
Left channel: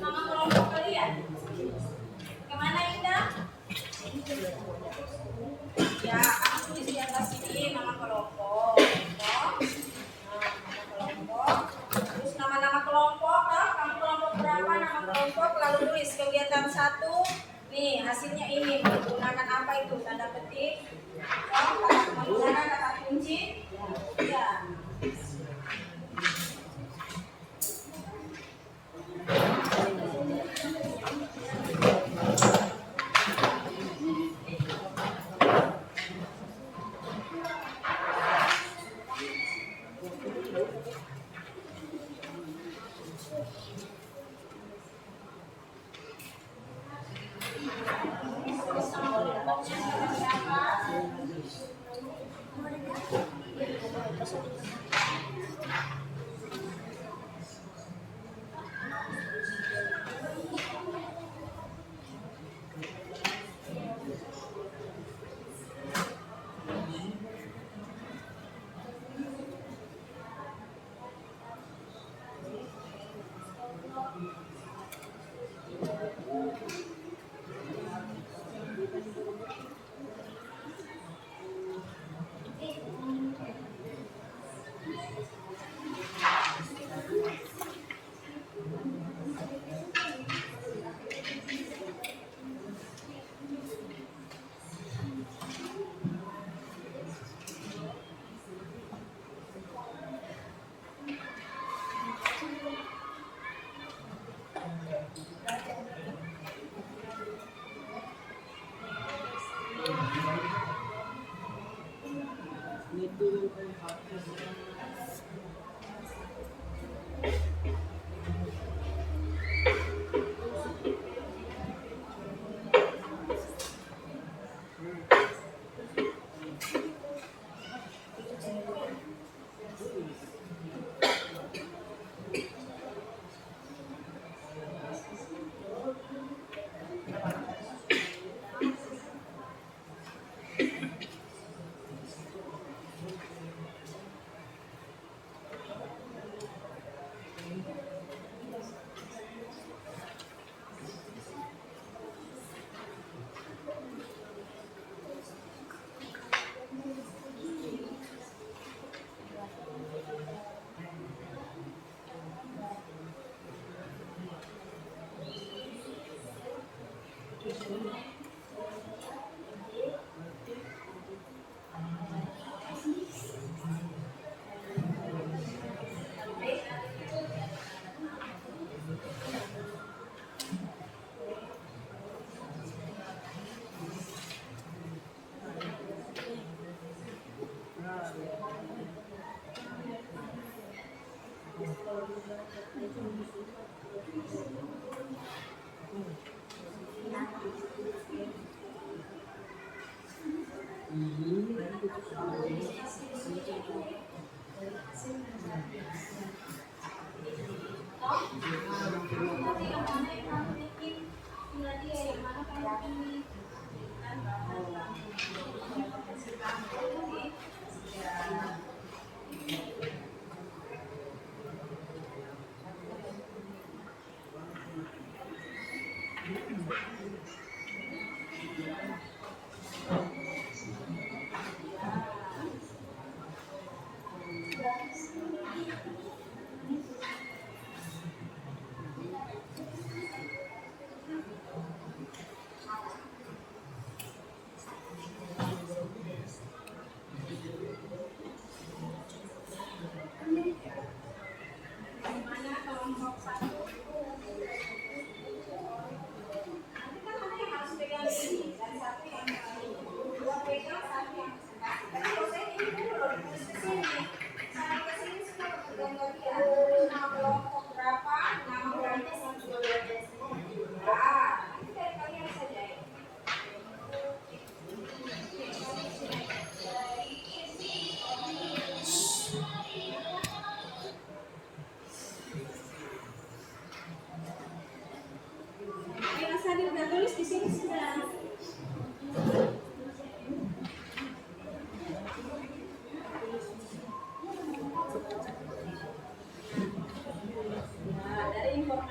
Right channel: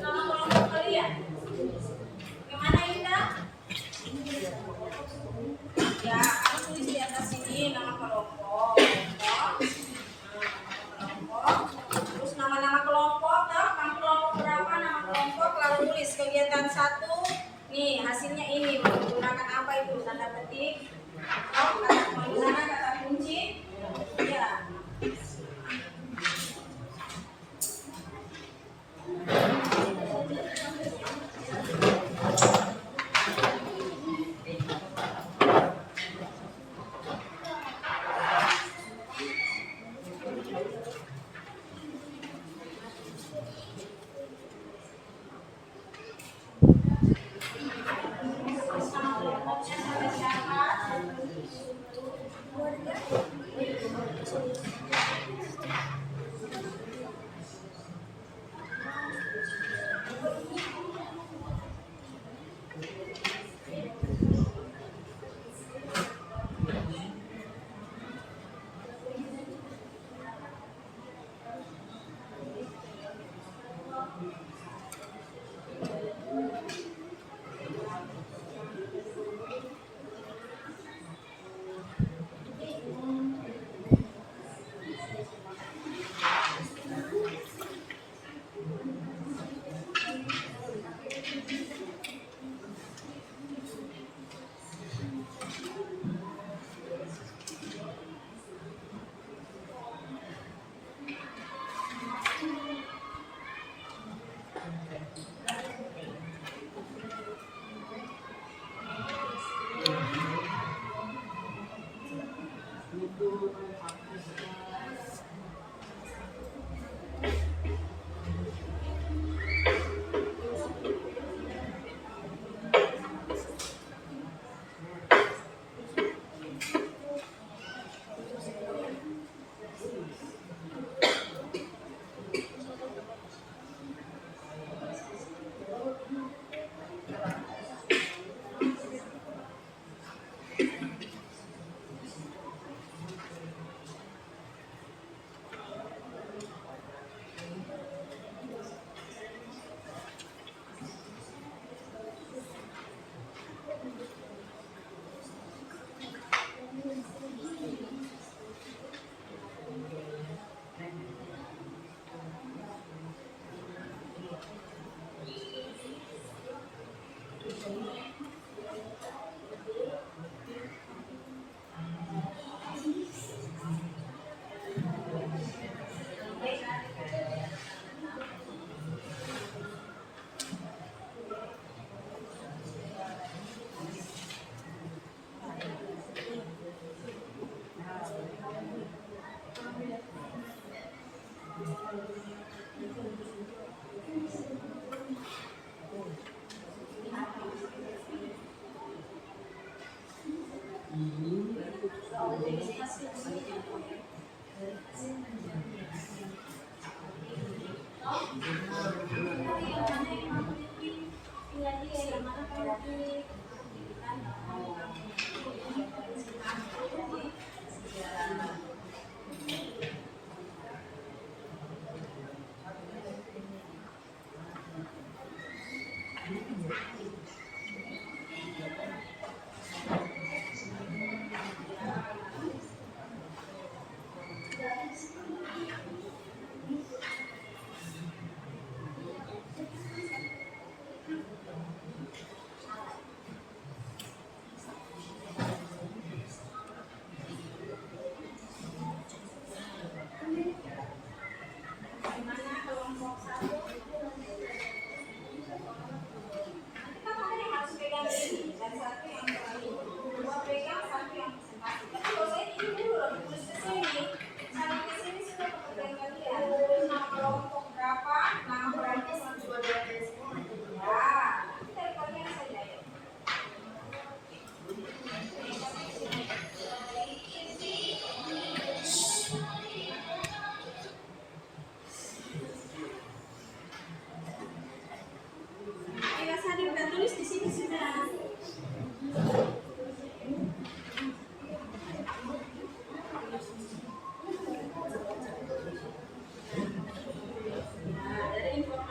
Nama kelompok kalian. Bagaimana Indah? Ya, kamu tulis di atas sini nama kelompok. Toh? Nama kelompok. Terus nama-nama kelompok, toh? Kamu kelompok berapa? Nama kelompok lalu tulis kegiatan 1. Nih, hasilnya ini menggunakan apa itu? Tanda petik. Toh, menggunakan kata kunci. Ya.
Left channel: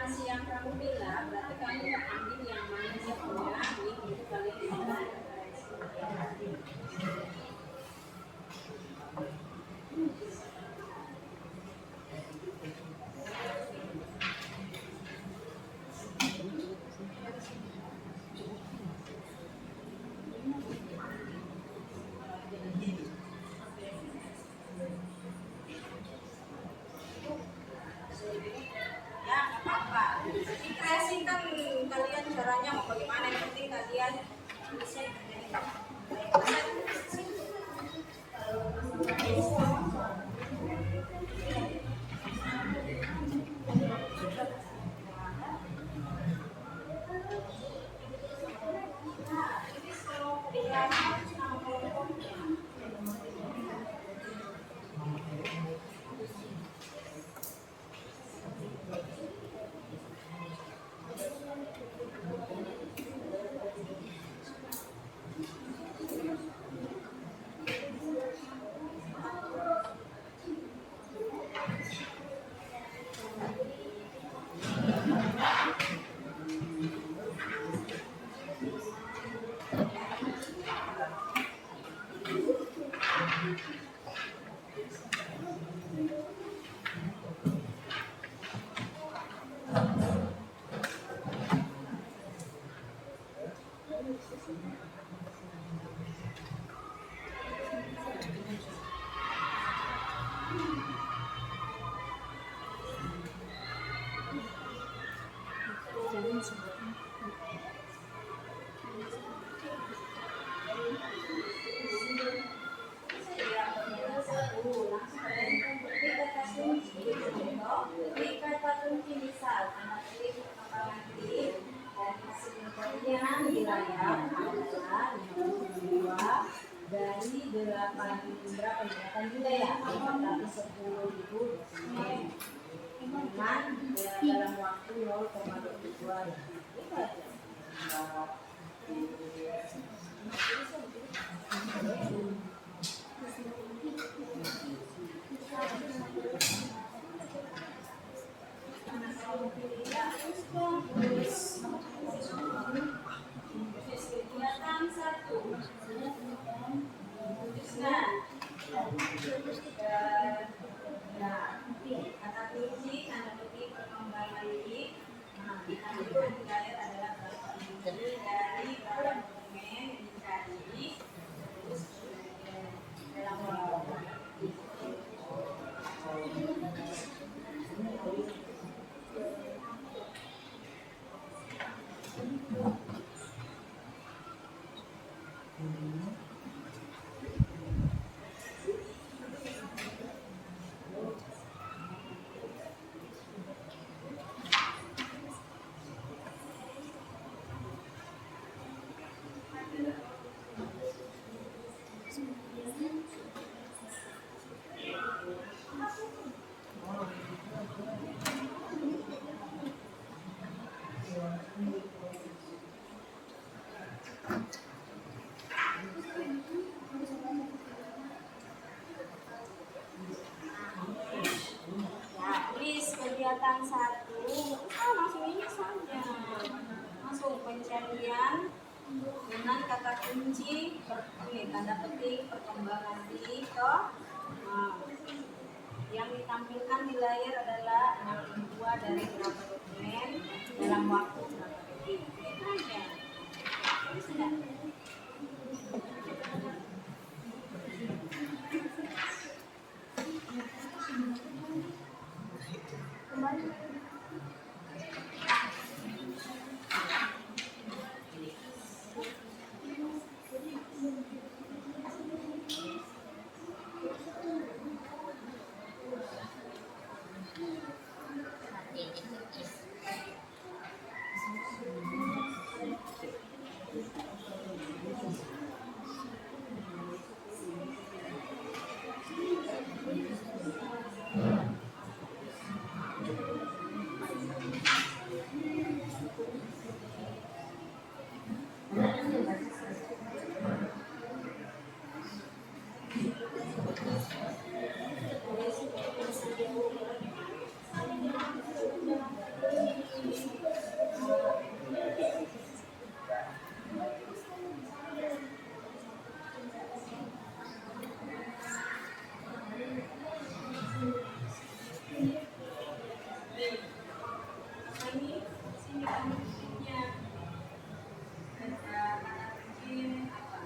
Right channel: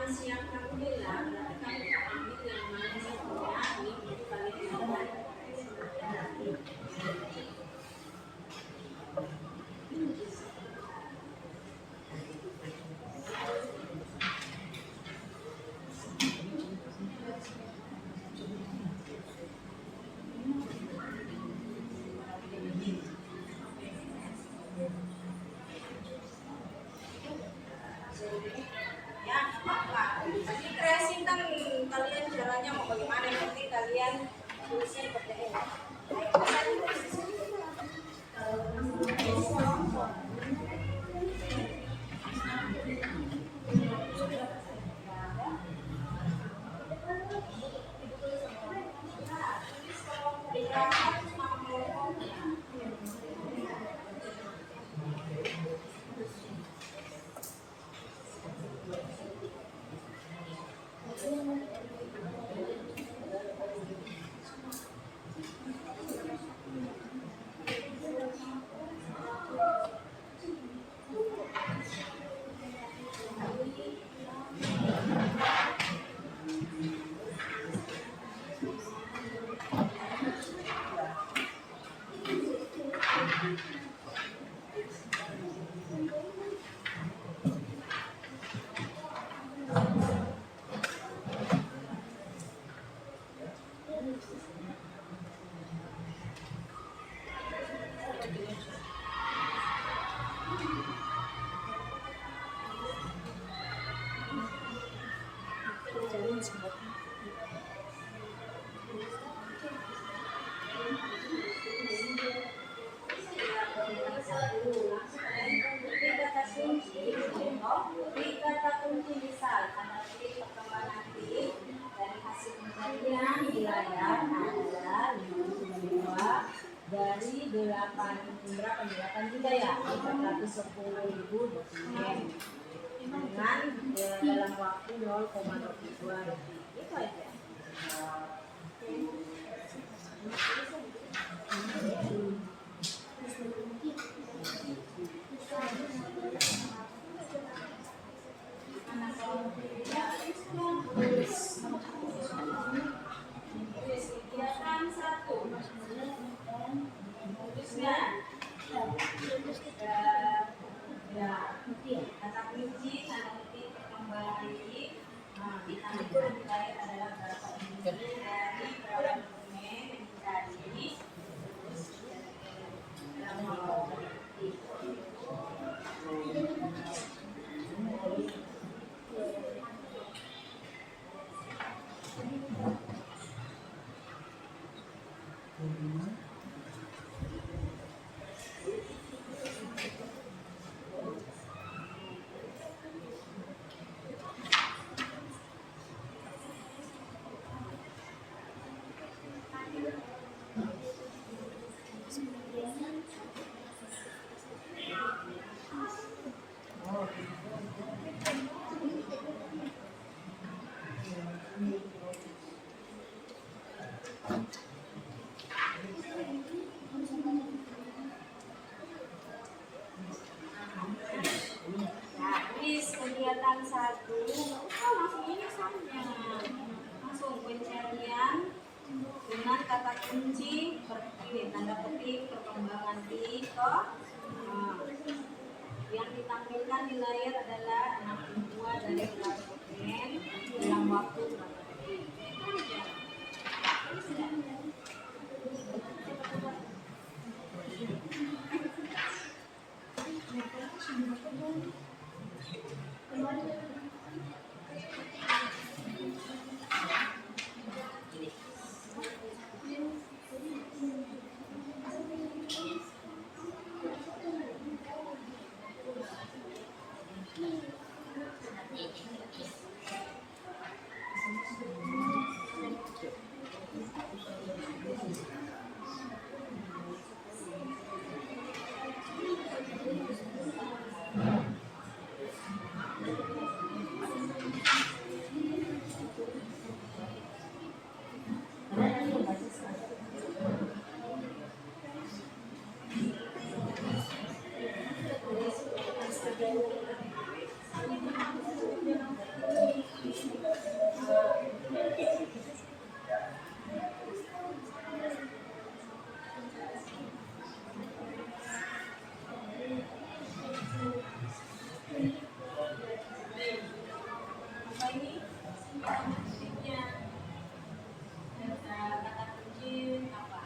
informasi yang kamu bilang, berarti kamu ambil yang mana sih punya link itu kalian lihat. Ya, nggak apa-apa. Tapi kreasikan kalian caranya mau bagaimana, yang penting kalian tulisnya seperti ini. Di kata kunci misal tanda petik perkembangan klik dari hasil pencarian di layar adalah 52 dari 8 berapa nih? 8 juta ya? 410.000 dokumen dengan dalam waktu 0,22 detik. Itu aja. Kegiatan 1 tuliskan kata kunci tanda petik perkembangan ini. Ditampilkan di layar adalah berapa ini dari berapa dokumen yang dicari, terus dalam waktu detik. Kegiatan 1 langsung ini saja, langsung pencarian dengan kata kunci ini tanda petik perkembangan di yang ditampilkan di layar adalah 62 dari berapa dokumen dalam waktu berapa detik. Itu aja. Sudah. kita berikutnya. Kata kunci apa?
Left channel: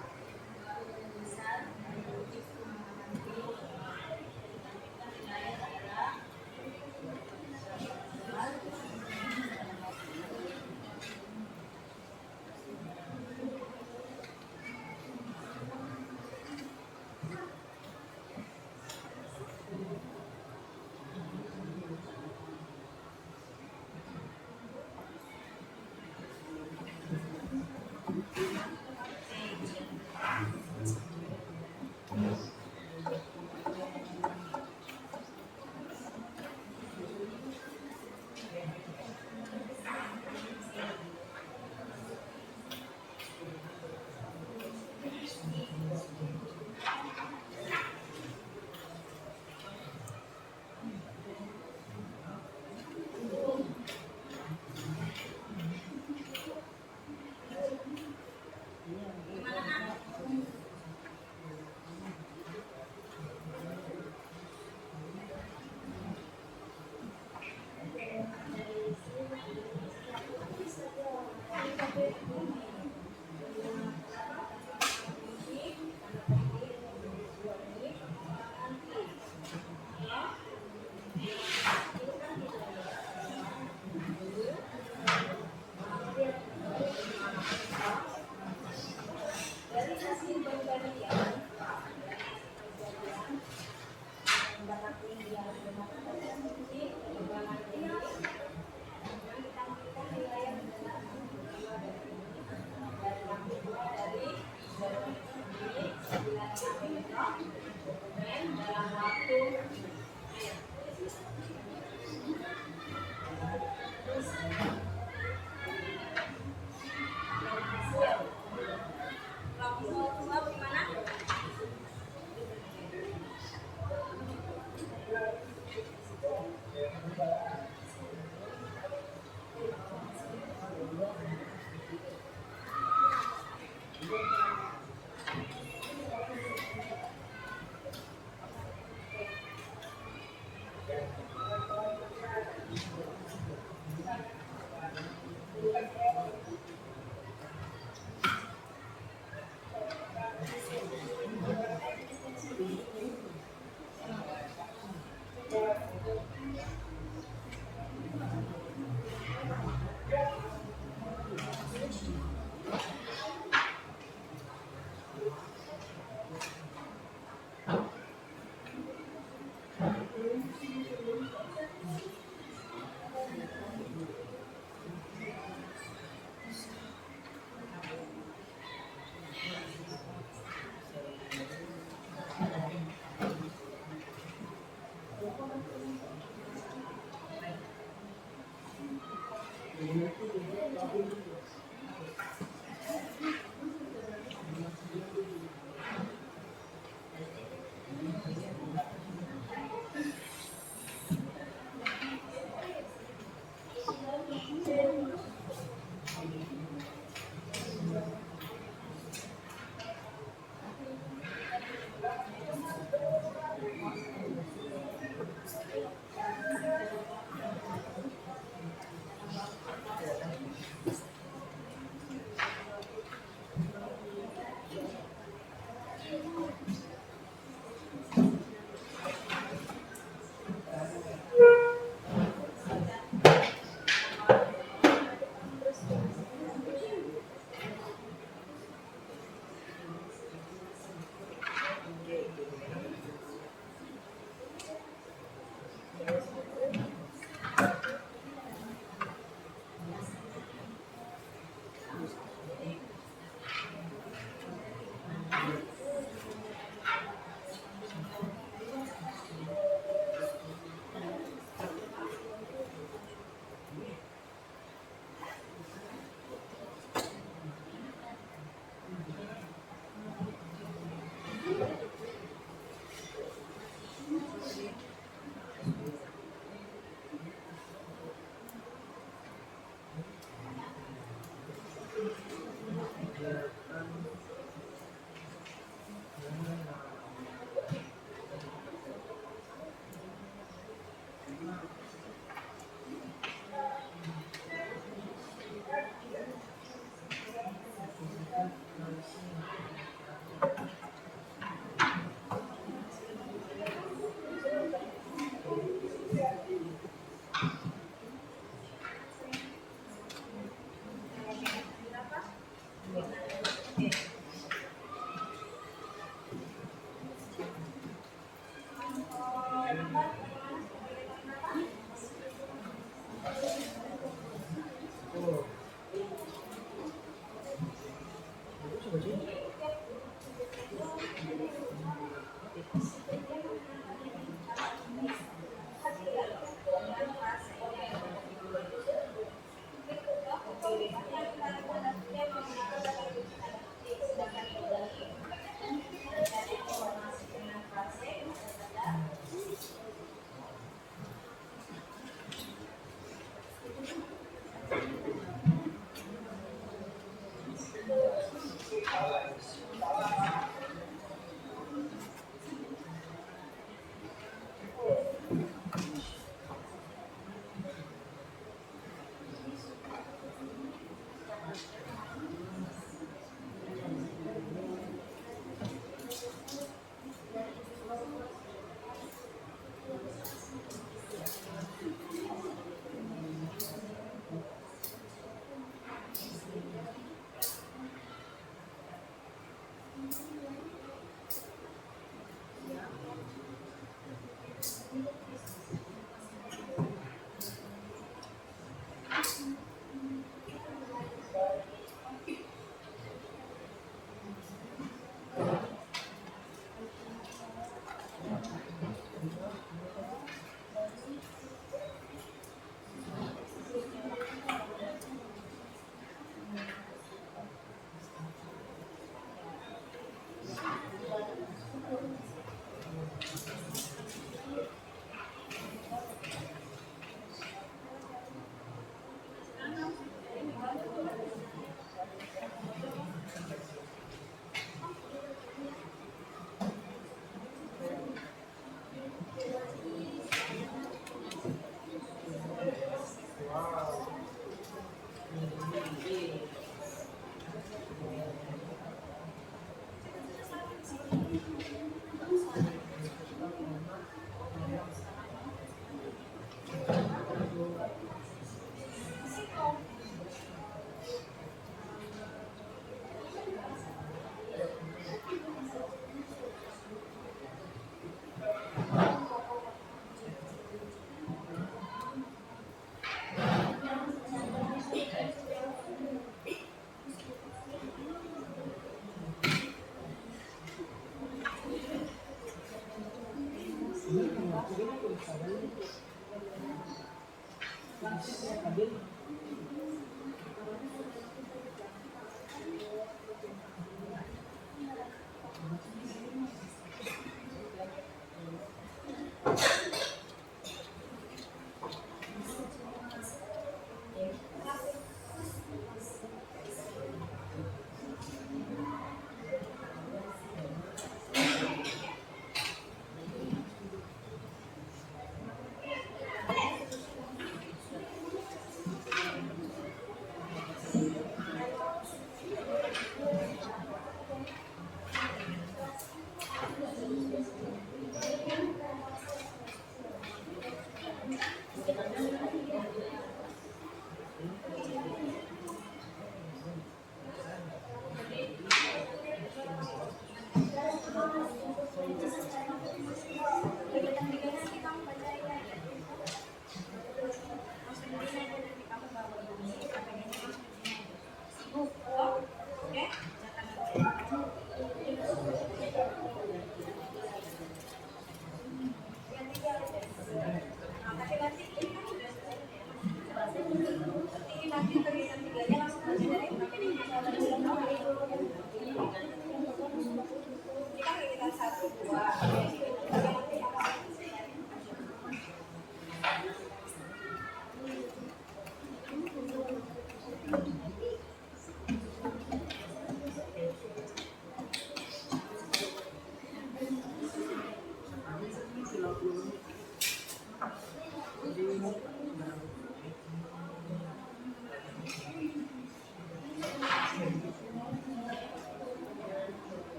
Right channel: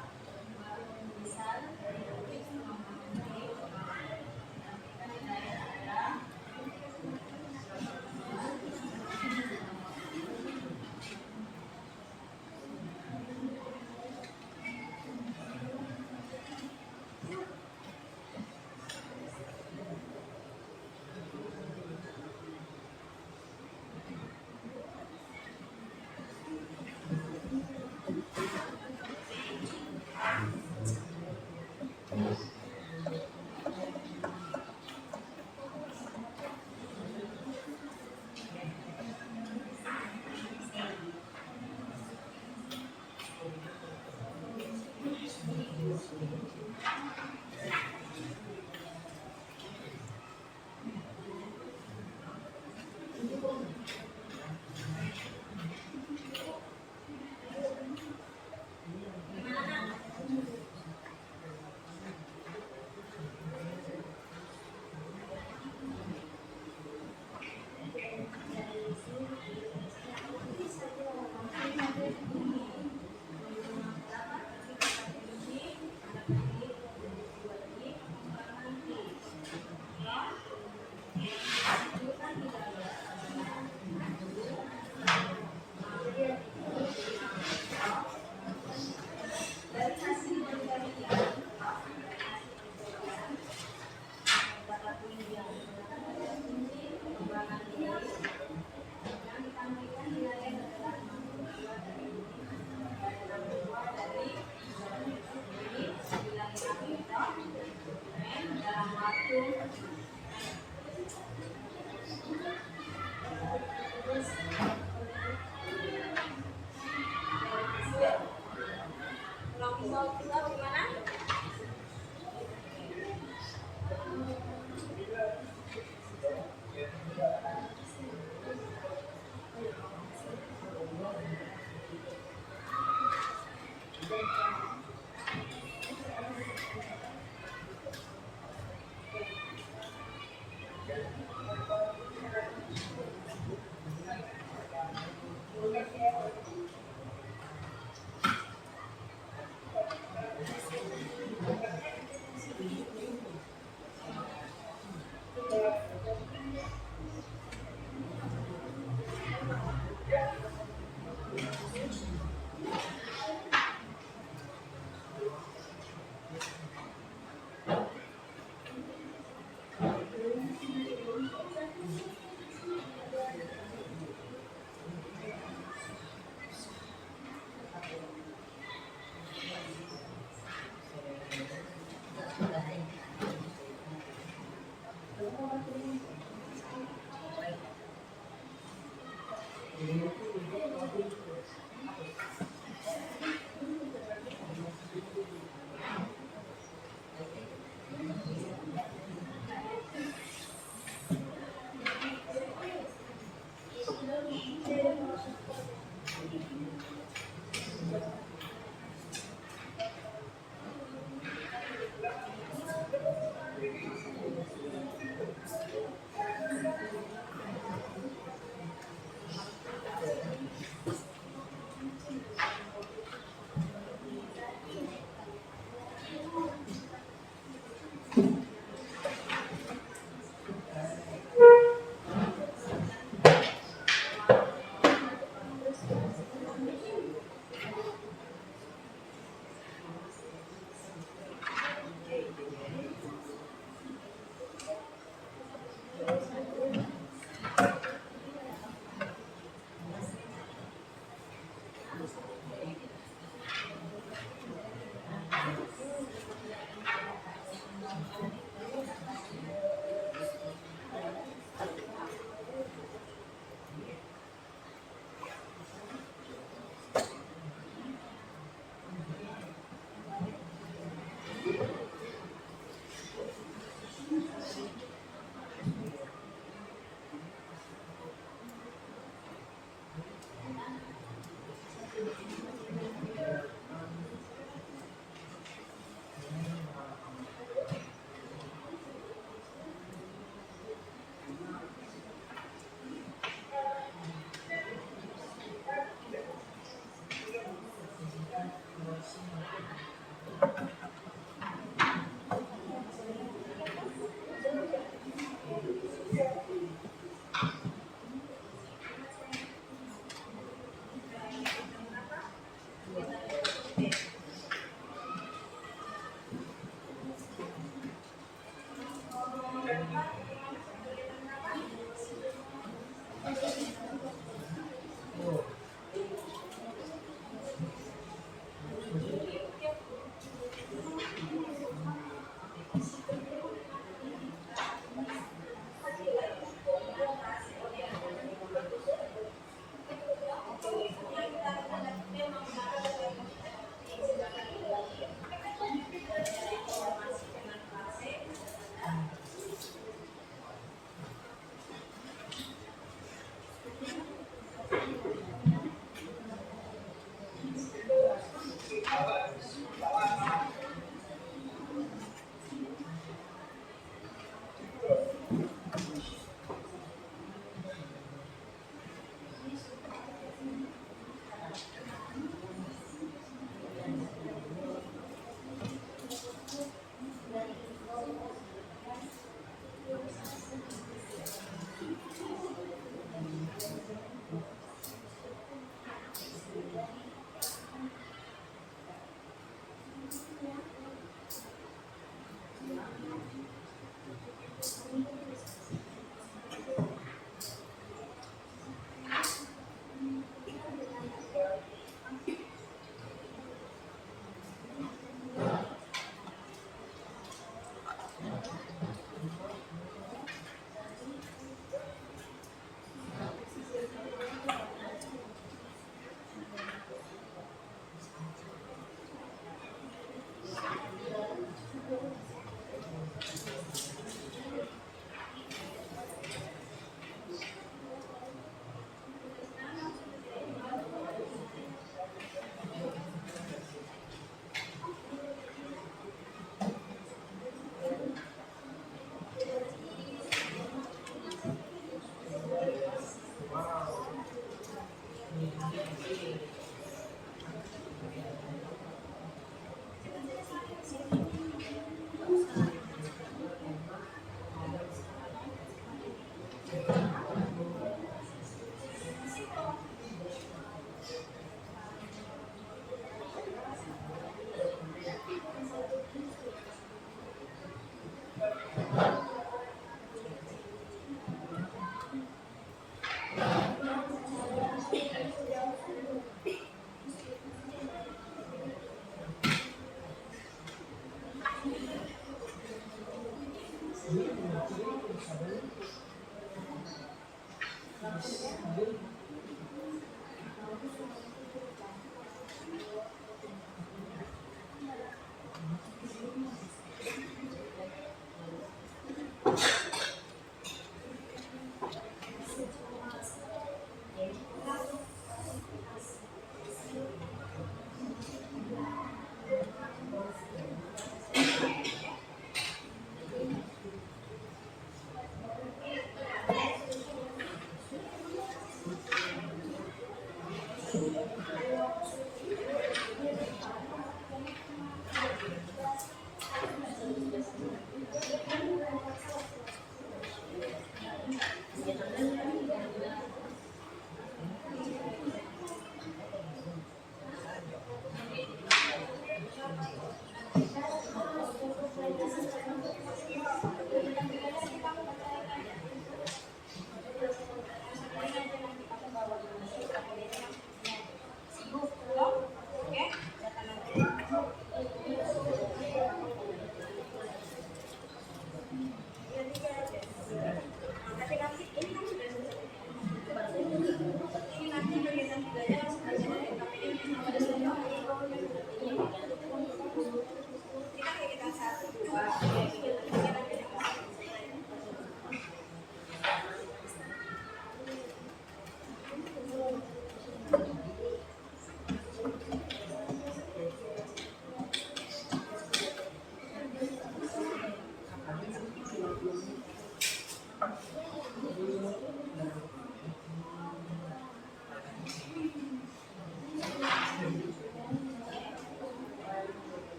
Misal dari kutip pemahaman nanti kita hidayah adalah dari hasil pembandingan kata kunci yang digunakan pada kunci pengembangan ini yang ditampilkan di layar adalah 62 dari ini bilangin apa itu dokumen dalam waktu terus kalau misal gimana?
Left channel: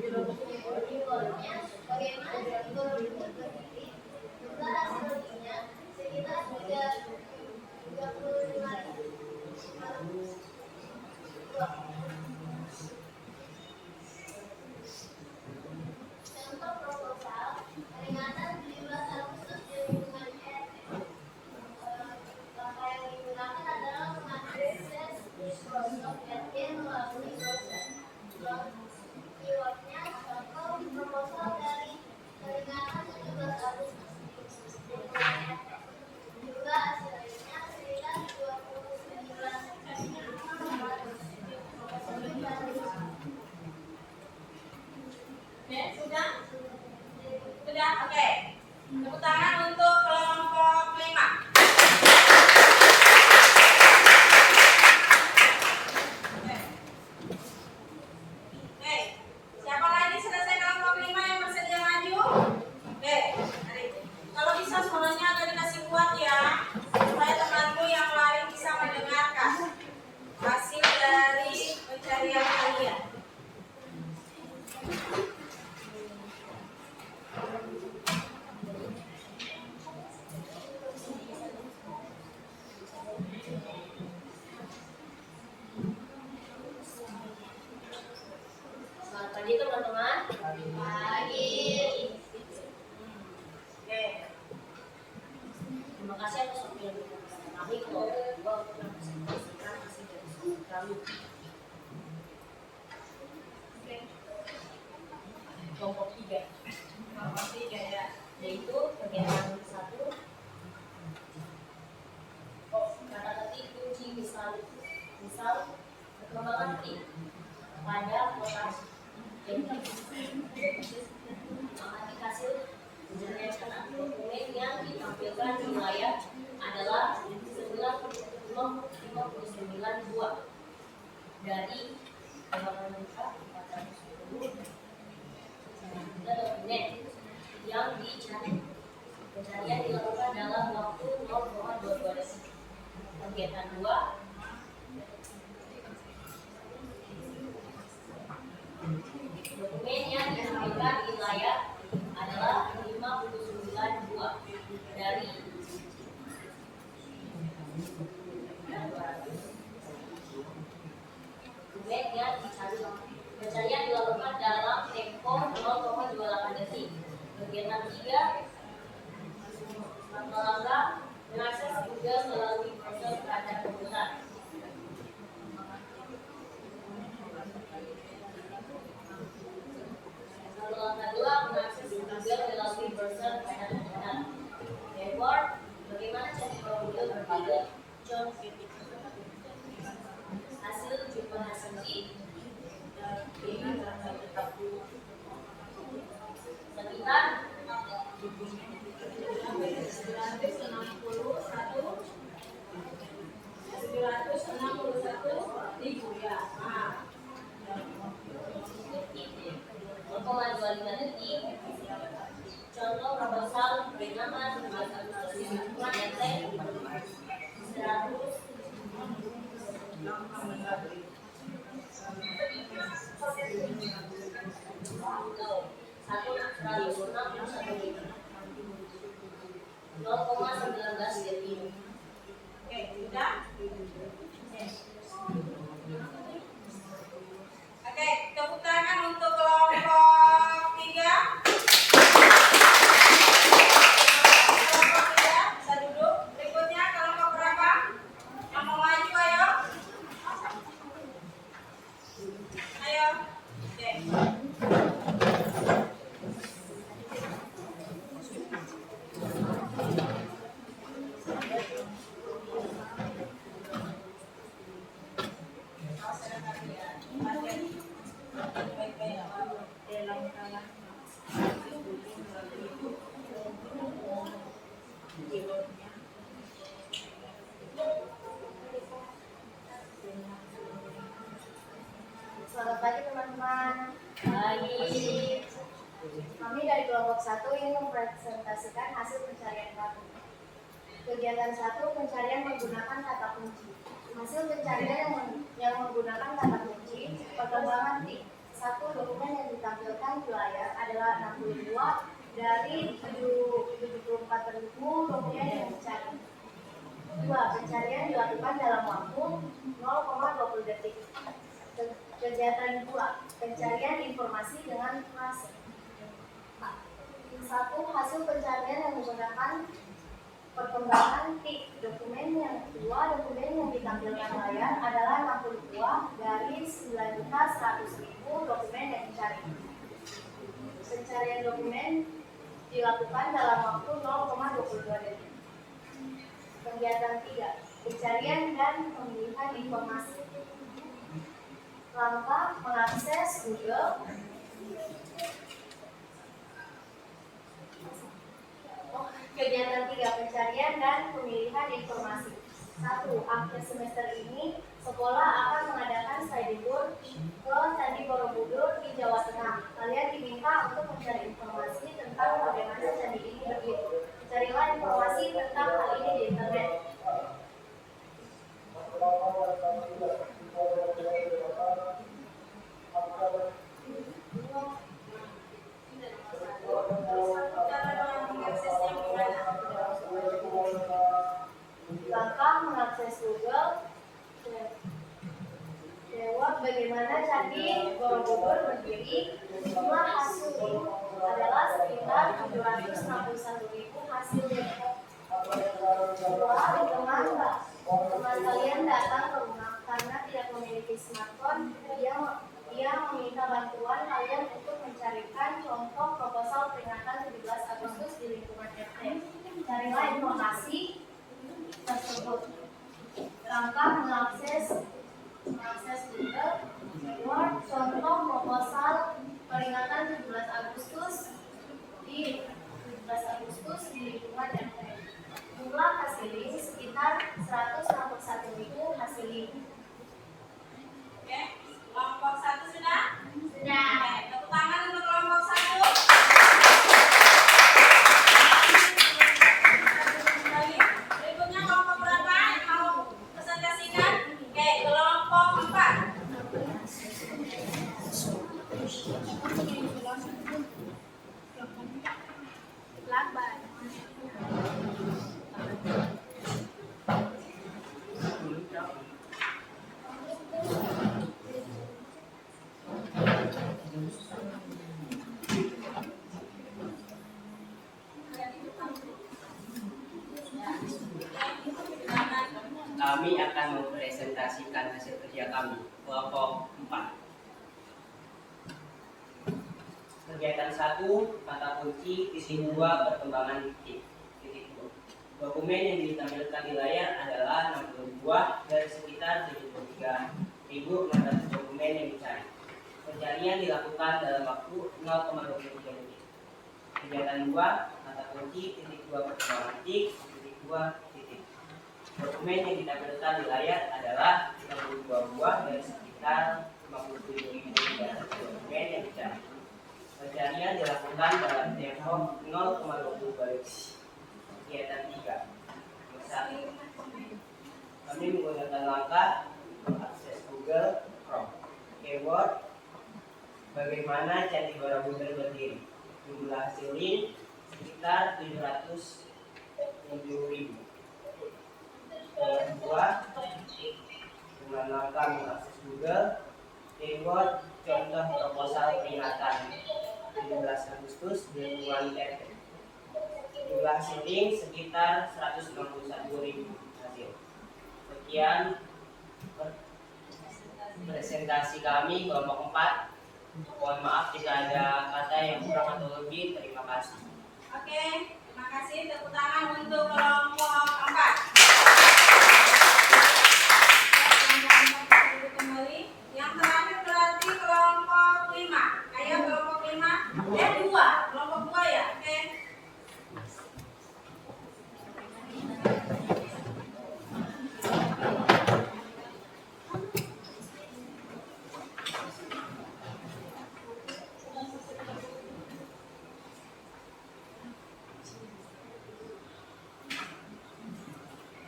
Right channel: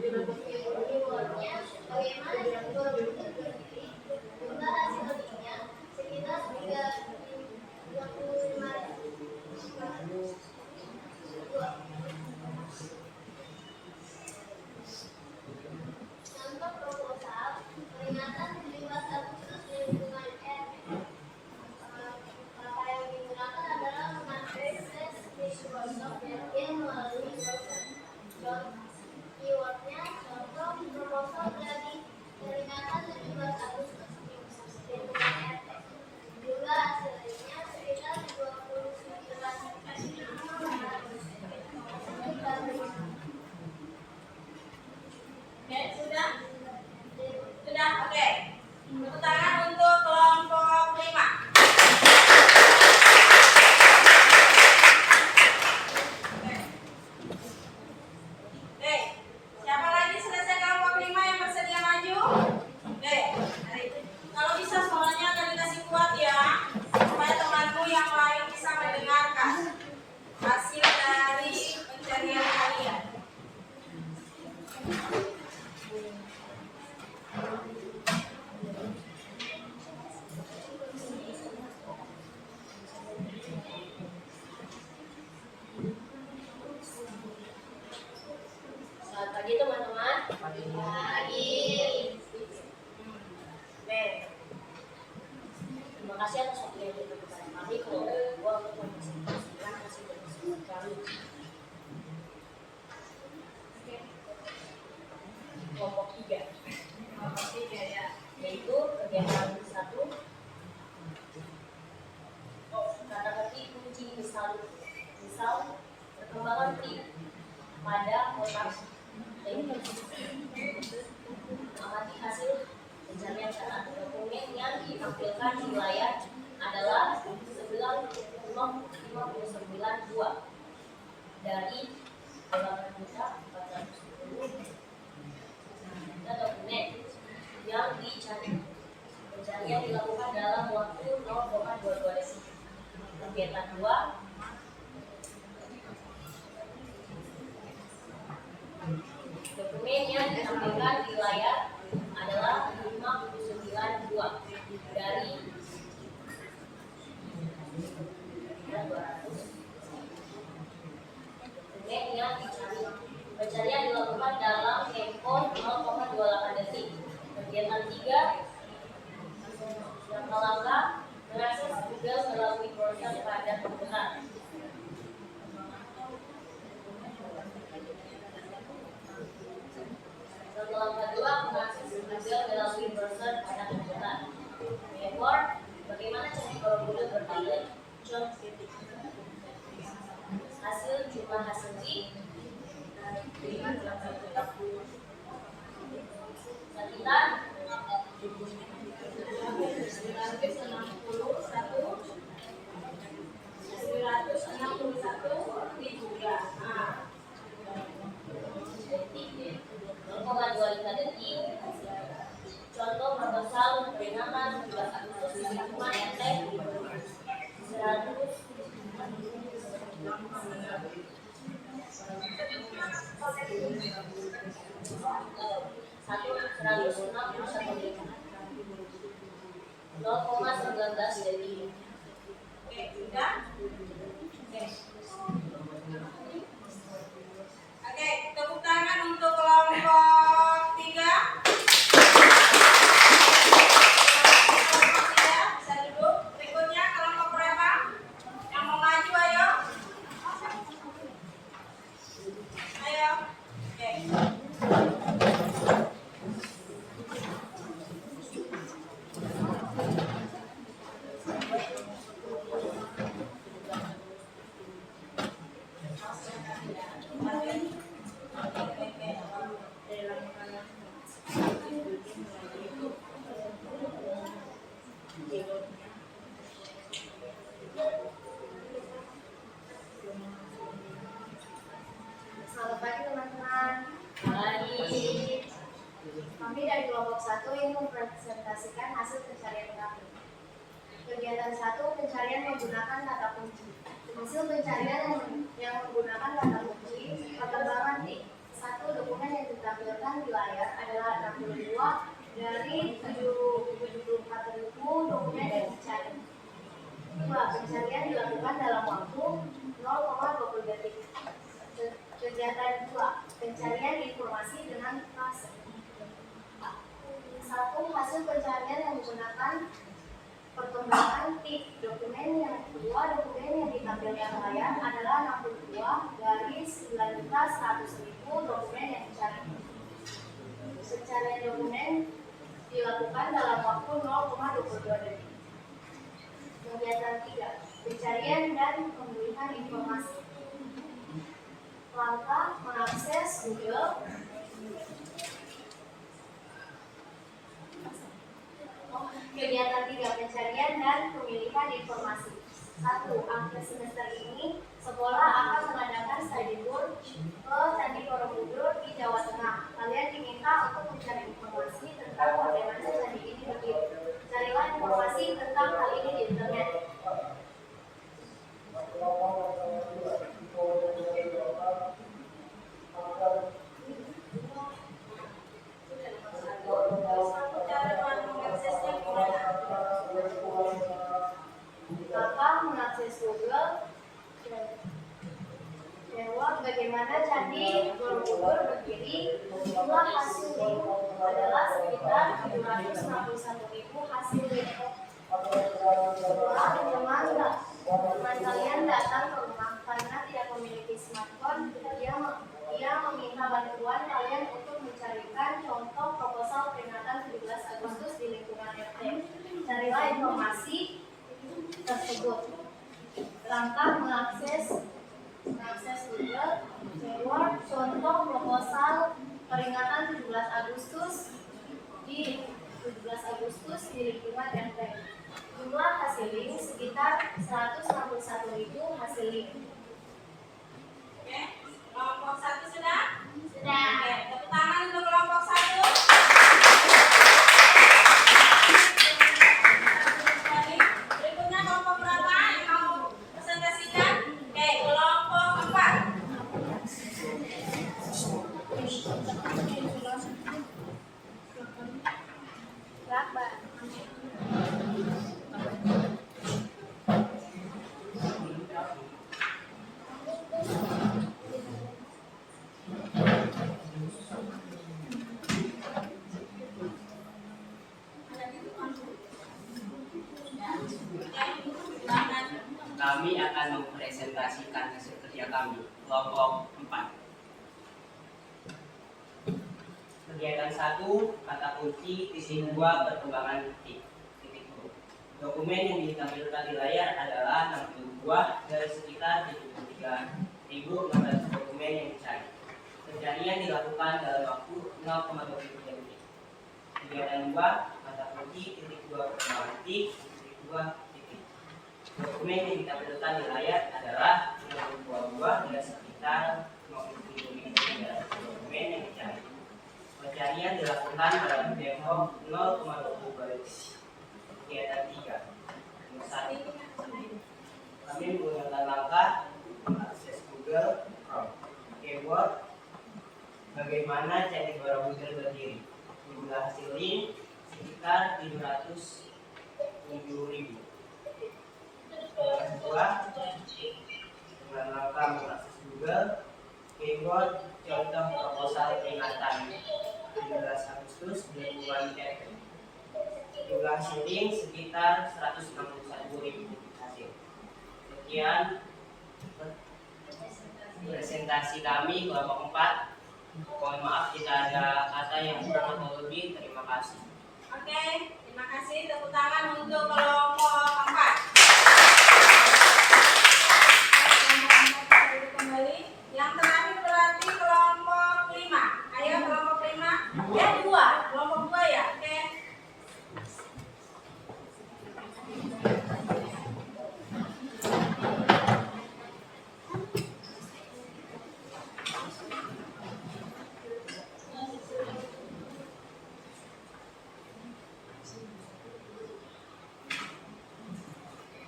Keywordnya bagaimana si Borobudur berdiri? Jumlah hasilnya sekitar 35.000. Contoh proposal peringatan 17 Agustus di lingkungan RT. Kata yang digunakan adalah mengakses Microsoft Edge melalui browser. Keywordnya contoh proposal dari peringatan 17 Agustus di lingkungan RT. Jumlah hasilnya sekitar 29.000. Oke, sudah? Sudah, oke. Tepuk tangan untuk kelompok 5. Oke, siapa lagi selesai kelompok 5 yang bersedia maju? Oke, mari. Kalau bisa suaranya agak dikasih kuat ya, supaya temanmu yang lain bisa mendengarkan hasil dari pencarian kalian. Selamat pagi teman-teman. Pagi. Oke. Terima kasih atas waktu yang diberikan kepada kami kelompok 2 untuk mempresentasikan hasil dari riset kami. Kelompok 3 Kelompok 3 ya. yaitu kegiatan 1 kata ketik kunci misal perkembangan tim pada kota amati hasil pencarian catat. Dokumen yang ditampilkan di layar adalah 9.559 buah dari 8.410 dokumen yang dicari. Pencarian dilakukan dalam waktu 0,22 detik. Kegiatan 2 dokumen yang ditampilkan di layar adalah 59 buah dari 200 dokumen yang dicari. Pencarian dilakukan dalam tempo 0,28 detik. Kegiatan 3 langkah-langkah mengakses Google melalui browser pada komputer. Langkah 2 mengakses Google melalui browser pada komputer. Keyword: bagaimana cari Borobudur berdiri? John Fitch. Hasil jumlah hasil sekitar 961.000 ya. Nah. 0,25 detik. Contoh proposal peringatan 17 Agustus di lingkungan RT 100 0,19 detik. Oke, sudah? Oke, tepuk tangan untuk kelompok 3. Kelompok 3 bisa duduk. Berikutnya kelompok berapa? Yang mau maju ayo. Ayo. Oke. Selamat pagi teman-teman. Pagi. Kami dari kelompok 1 ingin mempresentasikan hasil pencarian kami. Kegiatan 1 pencarian menggunakan kata kunci. Hasil pencarian yang menggunakan kata kunci perkembangan tim Satu, dokumen yang ditampilkan di layar adalah 62 dari 74.000 dokumen yang dicari. 2. Pencarian dilakukan dalam waktu 0,20 detik. Kegiatan 2. Pencarian informasi dengan fase. 1. Hasil pencarian yang menggunakan perkembangan tik. Dokumen yang ditampilkan layar adalah 62 dari 9.100.000 dokumen yang dicari. Pencarian dokumen dilakukan dalam waktu 0,22 detik. Kegiatan 3. Pencarian dan pemilihan informasi. Langkah mengakses Google. Kegiatan 3. Pencarian dan pemilihan informasi. 1. Akhir semester ini, sekolah akan mengadakan study tour ke Candi Borobudur di Jawa Tengah. Kalian diminta untuk mencari informasi tentang bagaimana candi ini berdiri. Carilah informasi tentang hal ini di internet. Langkah mengakses Google. Jawab bagaimana Candi Borobudur berdiri. Jumlah hasil link adalah sekitar 761.000 hasil link. Teman kalian datang ke rumah karena tidak memiliki smartphone. Dia meminta bantuan kalian untuk mencarikan contoh proposal peringatan 17 Agustus di lingkungan RT. Carilah informasi tersebut. Langkah mengakses Google. Keyword contoh proposal peringatan 17 Agustus di lingkungan RT. Jumlah hasil link sekitar 161.000 hasil link. Oke, kelompok 1 sudah? Sudah. Oke, tepuk tangan untuk kelompok 1. Kembali. Berikutnya kelompok berapa yang mau presentasikan? Oke, kelompok 4. Kami akan mempresentasikan hasil kerja kami, kelompok 4. Kegiatan 1, kata kunci, titik 2, perkembangan titik 2. Dokumen yang ditampilkan di layar adalah 62 dari sekitar 73.600 dokumen yang dicari. Pencarian dilakukan dalam waktu 0,23 detik. Kegiatan 2, kata kunci, titik 2, perkembangan titik 2, titik. Dokumen yang ditampilkan di layar adalah 62 buah dari sekitar 57.300 dokumen yang dicari. Pencarian dilakukan dalam tempo 0,20 detik. Kegiatan 3. 1. Kami menggunakan langkah mengakses Google Chrome. Keyword bagaimana Candi Borobudur berdiri. Jumlah hasil link sekitar 707.000. Kegiatan 2. Dengan langkah mengakses Google. Keyword contoh proposal peringatan 17 Agustus di lingkungan RT. Jumlah hasil link sekitar 161.000 hasil. Sekian presentasi kami kelompok 4. Mohon maaf jika ada kata yang kurang atau lebih. Terima kasih. Oke, terima kasih. Tepuk tangan untuk kelompok 4. Kembali. Yang terakhir berarti kelompok 5. Ayo kelompok 5. Ya 2. Kelompok 2 ya. Oke.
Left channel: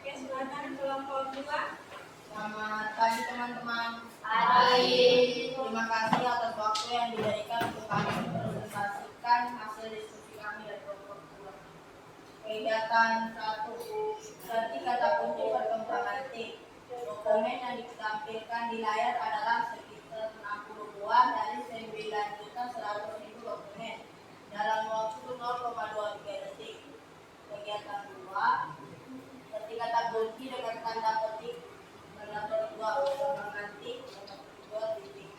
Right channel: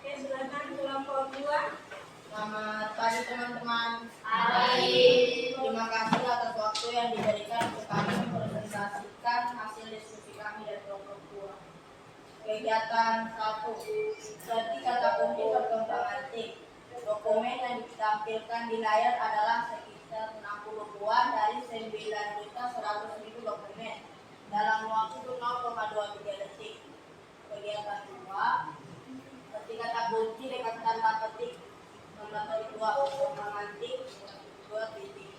Oke, silakan kelompok 2. Selamat pagi teman-teman. Pagi. Terima kasih atas waktu Kegiatan 1. Seperti kata kunci perkembangan tim. Dokumen yang ditampilkan di layar adalah sekitar 60 buah dari 9.100.000 dokumen dalam waktu 0,23 detik. Kegiatan 2. Seperti kata kunci dengan tanda petik. Tanda 2 perkembangan tim. Tanda 2 titik.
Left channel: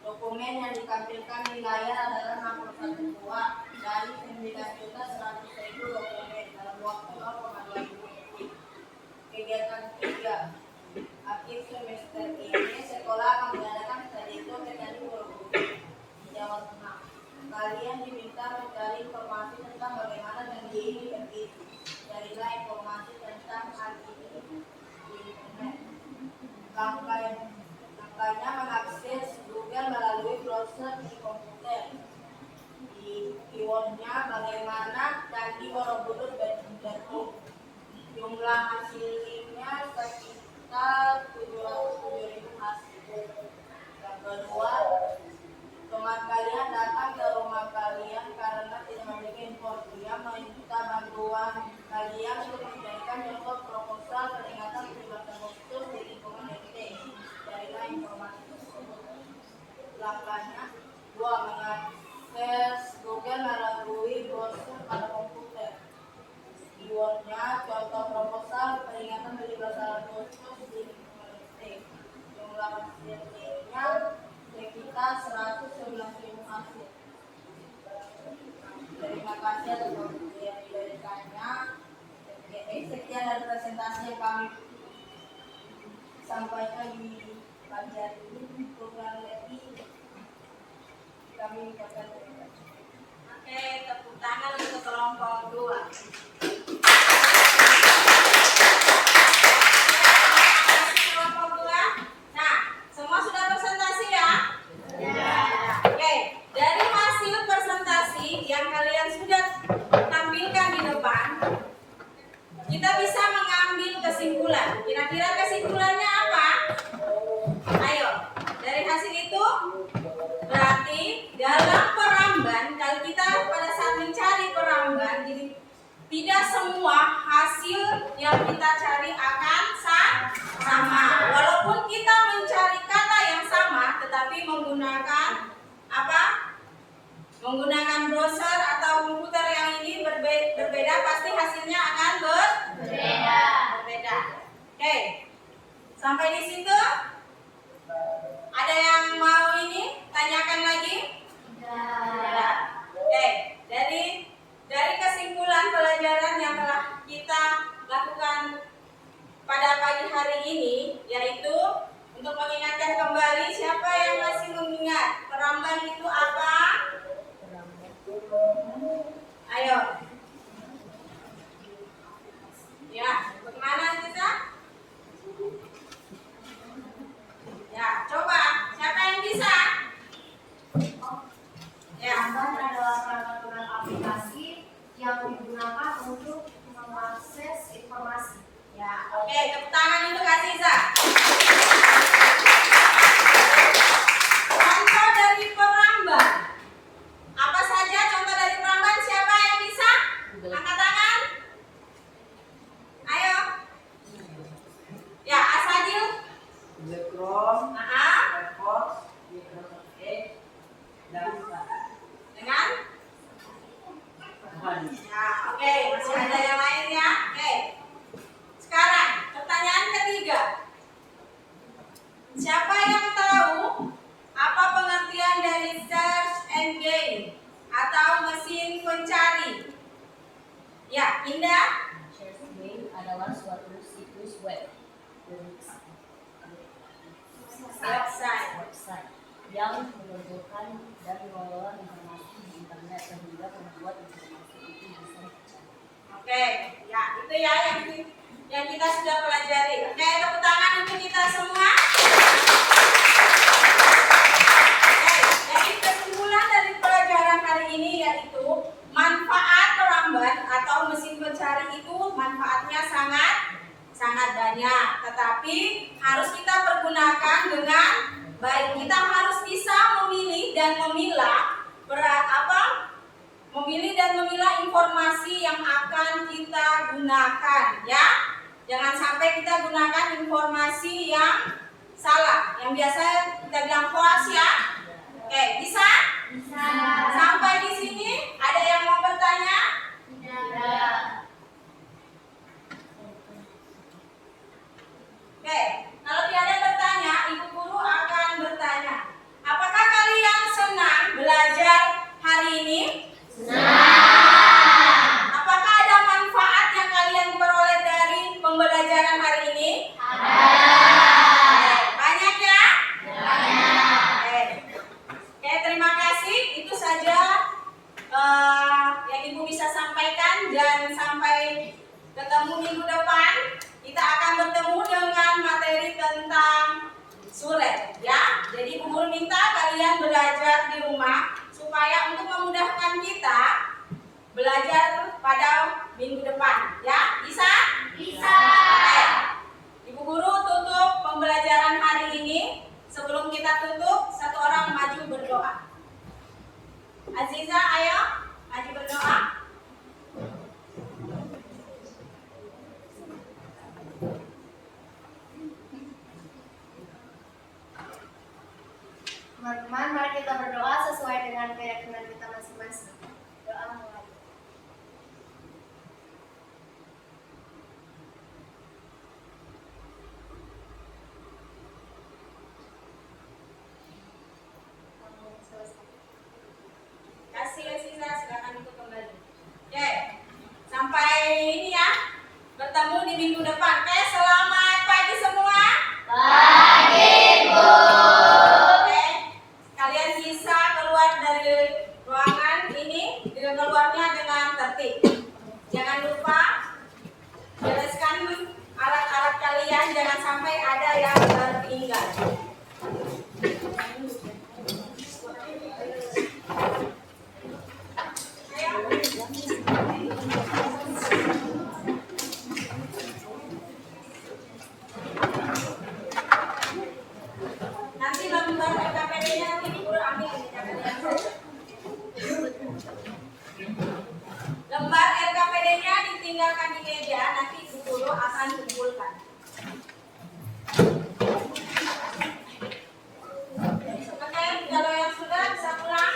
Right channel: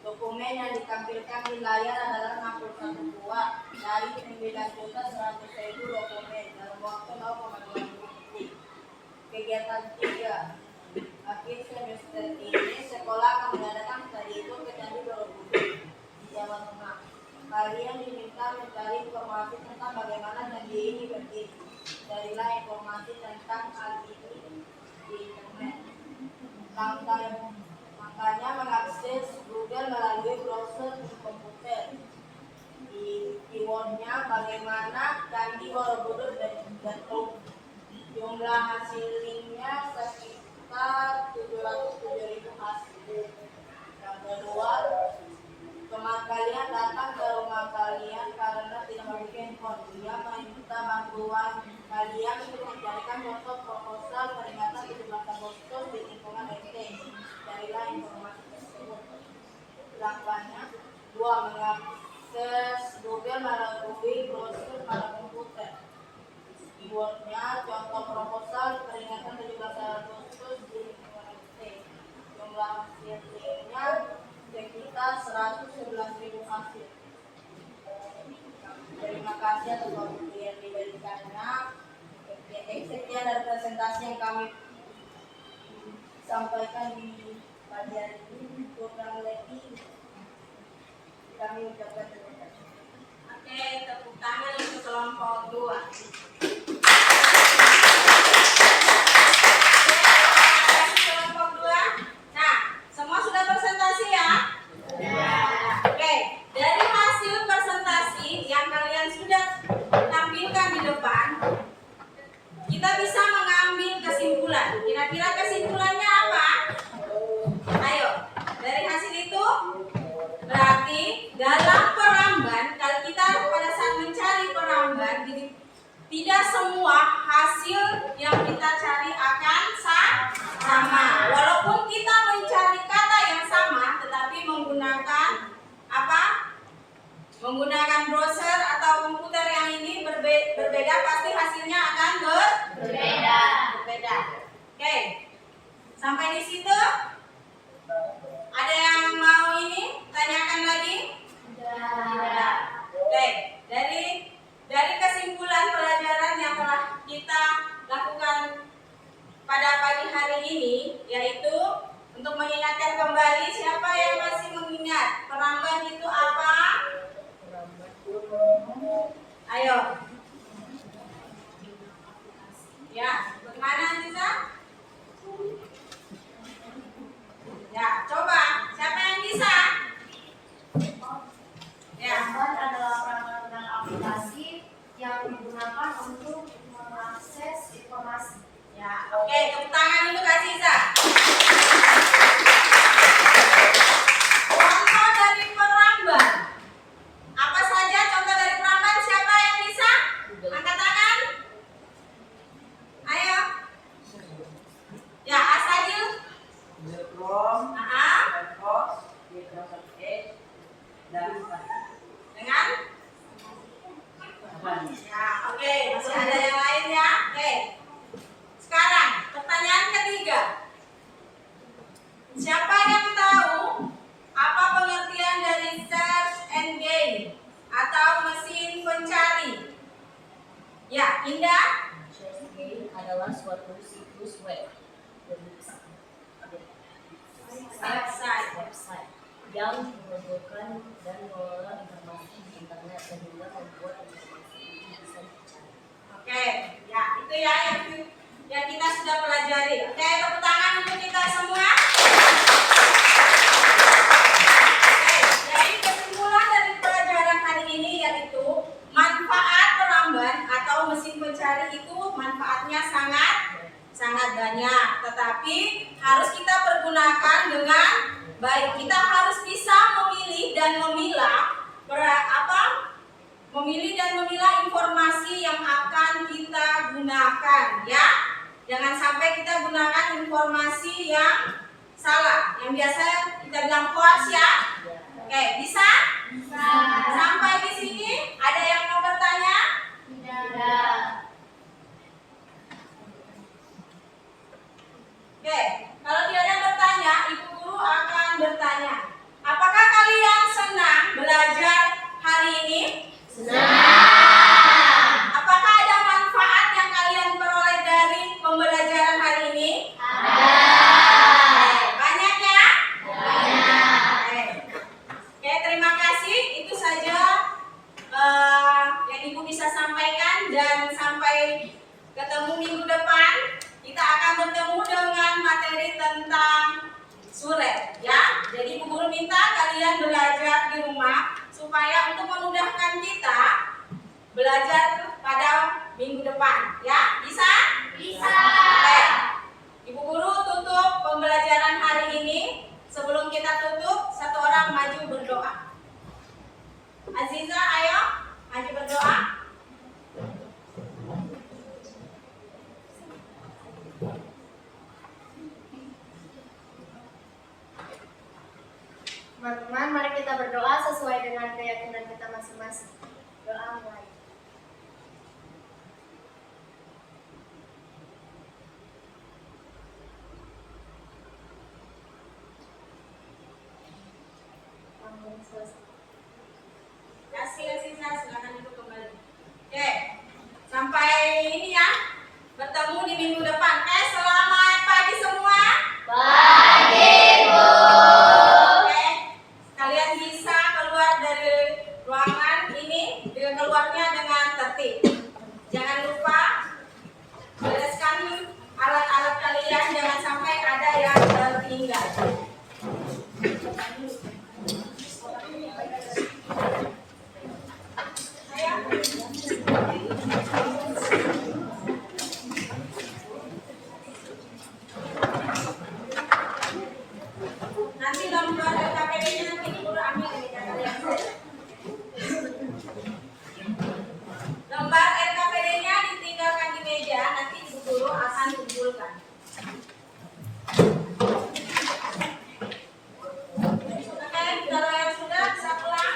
Dokumen yang ditampilkan di layar adalah 61 buah dari 9.100.000 dokumen dalam waktu 0,2 detik. Kegiatan 3. Akhir semester ini sekolah akan mengadakan studi tour ke Candi Borobudur, Jawa Tengah. Kalian diminta mencari informasi tentang bagaimana candi ini berdiri. Carilah informasi tentang hal ini di internet. Langkahnya mengakses Google melalui browser di komputer. Di keywordnya bagaimana Candi Borobudur bentuk. Jumlah hasilnya sekitar 707.000 hasil. Yang kedua, teman kalian datang ke rumah kalian karena tidak memiliki handphone. Dia meminta bantuan kalian untuk mencarikan contoh proposal peringatan 17 Agustus di lingkungan RT. Carilah informasi tersebut. Langkahnya 2. Mengakses Google melalui browser pada komputer. Keywordnya contoh proposal peringatan 17 Agustus di lingkungan RT. Jumlah hasilnya sekitar 111.000 hasil. Terima kasih atas waktu yang diberikannya. Sekian dari presentasi yang kami sampaikan di pagi hari ini. Kurang lebih kami ucapkan terima kasih. Oke, tepuk tangan untuk kelompok 2. Kelompok 2. Nah, semua sudah presentasi ya? Oke, dari hasil presentasi yang kalian sudah tampilkan di depan, kita bisa mengambil kesimpulan. Kira-kira kesimpulannya apa? Ayo, dari hasil itu berarti dalam peramban, kalau kita pada saat mencari peramban, jadi tidak semua hasil yang kita cari akan sama. Walaupun kita mencari kata yang sama, tetapi menggunakan apa? Menggunakan browser atau komputer yang ini berbeda, pasti hasilnya akan berbeda. Oke, sampai di situ. Ada yang mau ini tanyakan lagi? Tidak. Oke, dari kesimpulan pelajaran yang telah kita lakukan pada pagi hari ini, yaitu untuk mengingatkan kembali, siapa yang masih mengingat peramban itu apa? Ayo. Ya, bagaimana Anissa? Ya, coba. Siapa yang bisa? Ya. Peramban adalah peraturan aplikasi yang digunakan untuk mengakses informasi. Ya, oke, tepuk tangan untuk Kak Sisa. Contoh dari peramban. Apa saja contoh dari peramban? Siapa yang bisa? Angkat tangan. Ayo. Ya, Asadil. Google Chrome, Aha. Firefox, Microsoft Edge, dan Dengan? Safari. Ya, oke, masih ada yang lain ya. Oke. Sekarang pertanyaan ketiga. Siapa yang tahu apa pengertian dari search engine atau mesin pencari? Ya, Indah. Search engine adalah suatu situs web website yang mengumpulkan dan mengelola informasi di internet sehingga membuat informasi itu bisa dicari. Oke, ya itu ya yang kita sudah pelajari. Oke, tepuk tangan untuk kita semua. Oke, jadi kesimpulan dari pelajaran hari ini yaitu manfaat peramban atau mesin pencari itu manfaatnya sangat banyak, tetapi harus kita pergunakan dengan baik. Kita harus bisa memilih dan memilah memilih dan memilah informasi yang akan kita gunakan gunakan ya. Jangan sampai kita gunakan informasi yang salah. Yang biasa kita bilang hoax ya. Oke, bisa? Bisa. Sampai di sini ada yang mau bertanya? Tidak. Oke, kalau tiada bertanya, Ibu Guru akan bertanya. Apakah kalian senang belajar hari ini? Senang. Apakah ada manfaat yang kalian peroleh dari pembelajaran hari ini? Banyak ya? Oke, terima kasih. Itu saja yang Ibu bisa sampaikan, dan sampai ketemu minggu depan. Kita akan bertemu dengan materi tentang surat ya. Jadi Ibu Guru minta kalian belajar di rumah supaya untuk memudahkan kita belajar pada minggu depan ya. Bisa? Bisa. Baik. Ibu Guru tutup pembelajaran hari ini. Sebelum kita tutup, satu orang maju berdoa. Aziza, ayo maju berdoa. Teman-teman, mari kita berdoa sesuai dengan keyakinan kita masing-masing. Doa mulai. Amin. Selesai. Kasih Aziza, silakan ikut kembali. Oke, sampai ini ya. Bertemu di minggu depan. Oke, selamat pagi semua. Pagi, Bu. Oke, kalian bisa keluar dari ruangan ini dengan keluarnya dengan tertib. Jangan lupa bereskan alat-alat kalian, jangan sampai ada yang tertinggal. Nanti lembar LKPD-nya nanti Ibu Guru ambil ini kalian. Lembar LKPD-nya ditinggalkan di meja, nanti Ibu Guru akan kumpulkan. Oke, kalau yang sudah bisa pulang.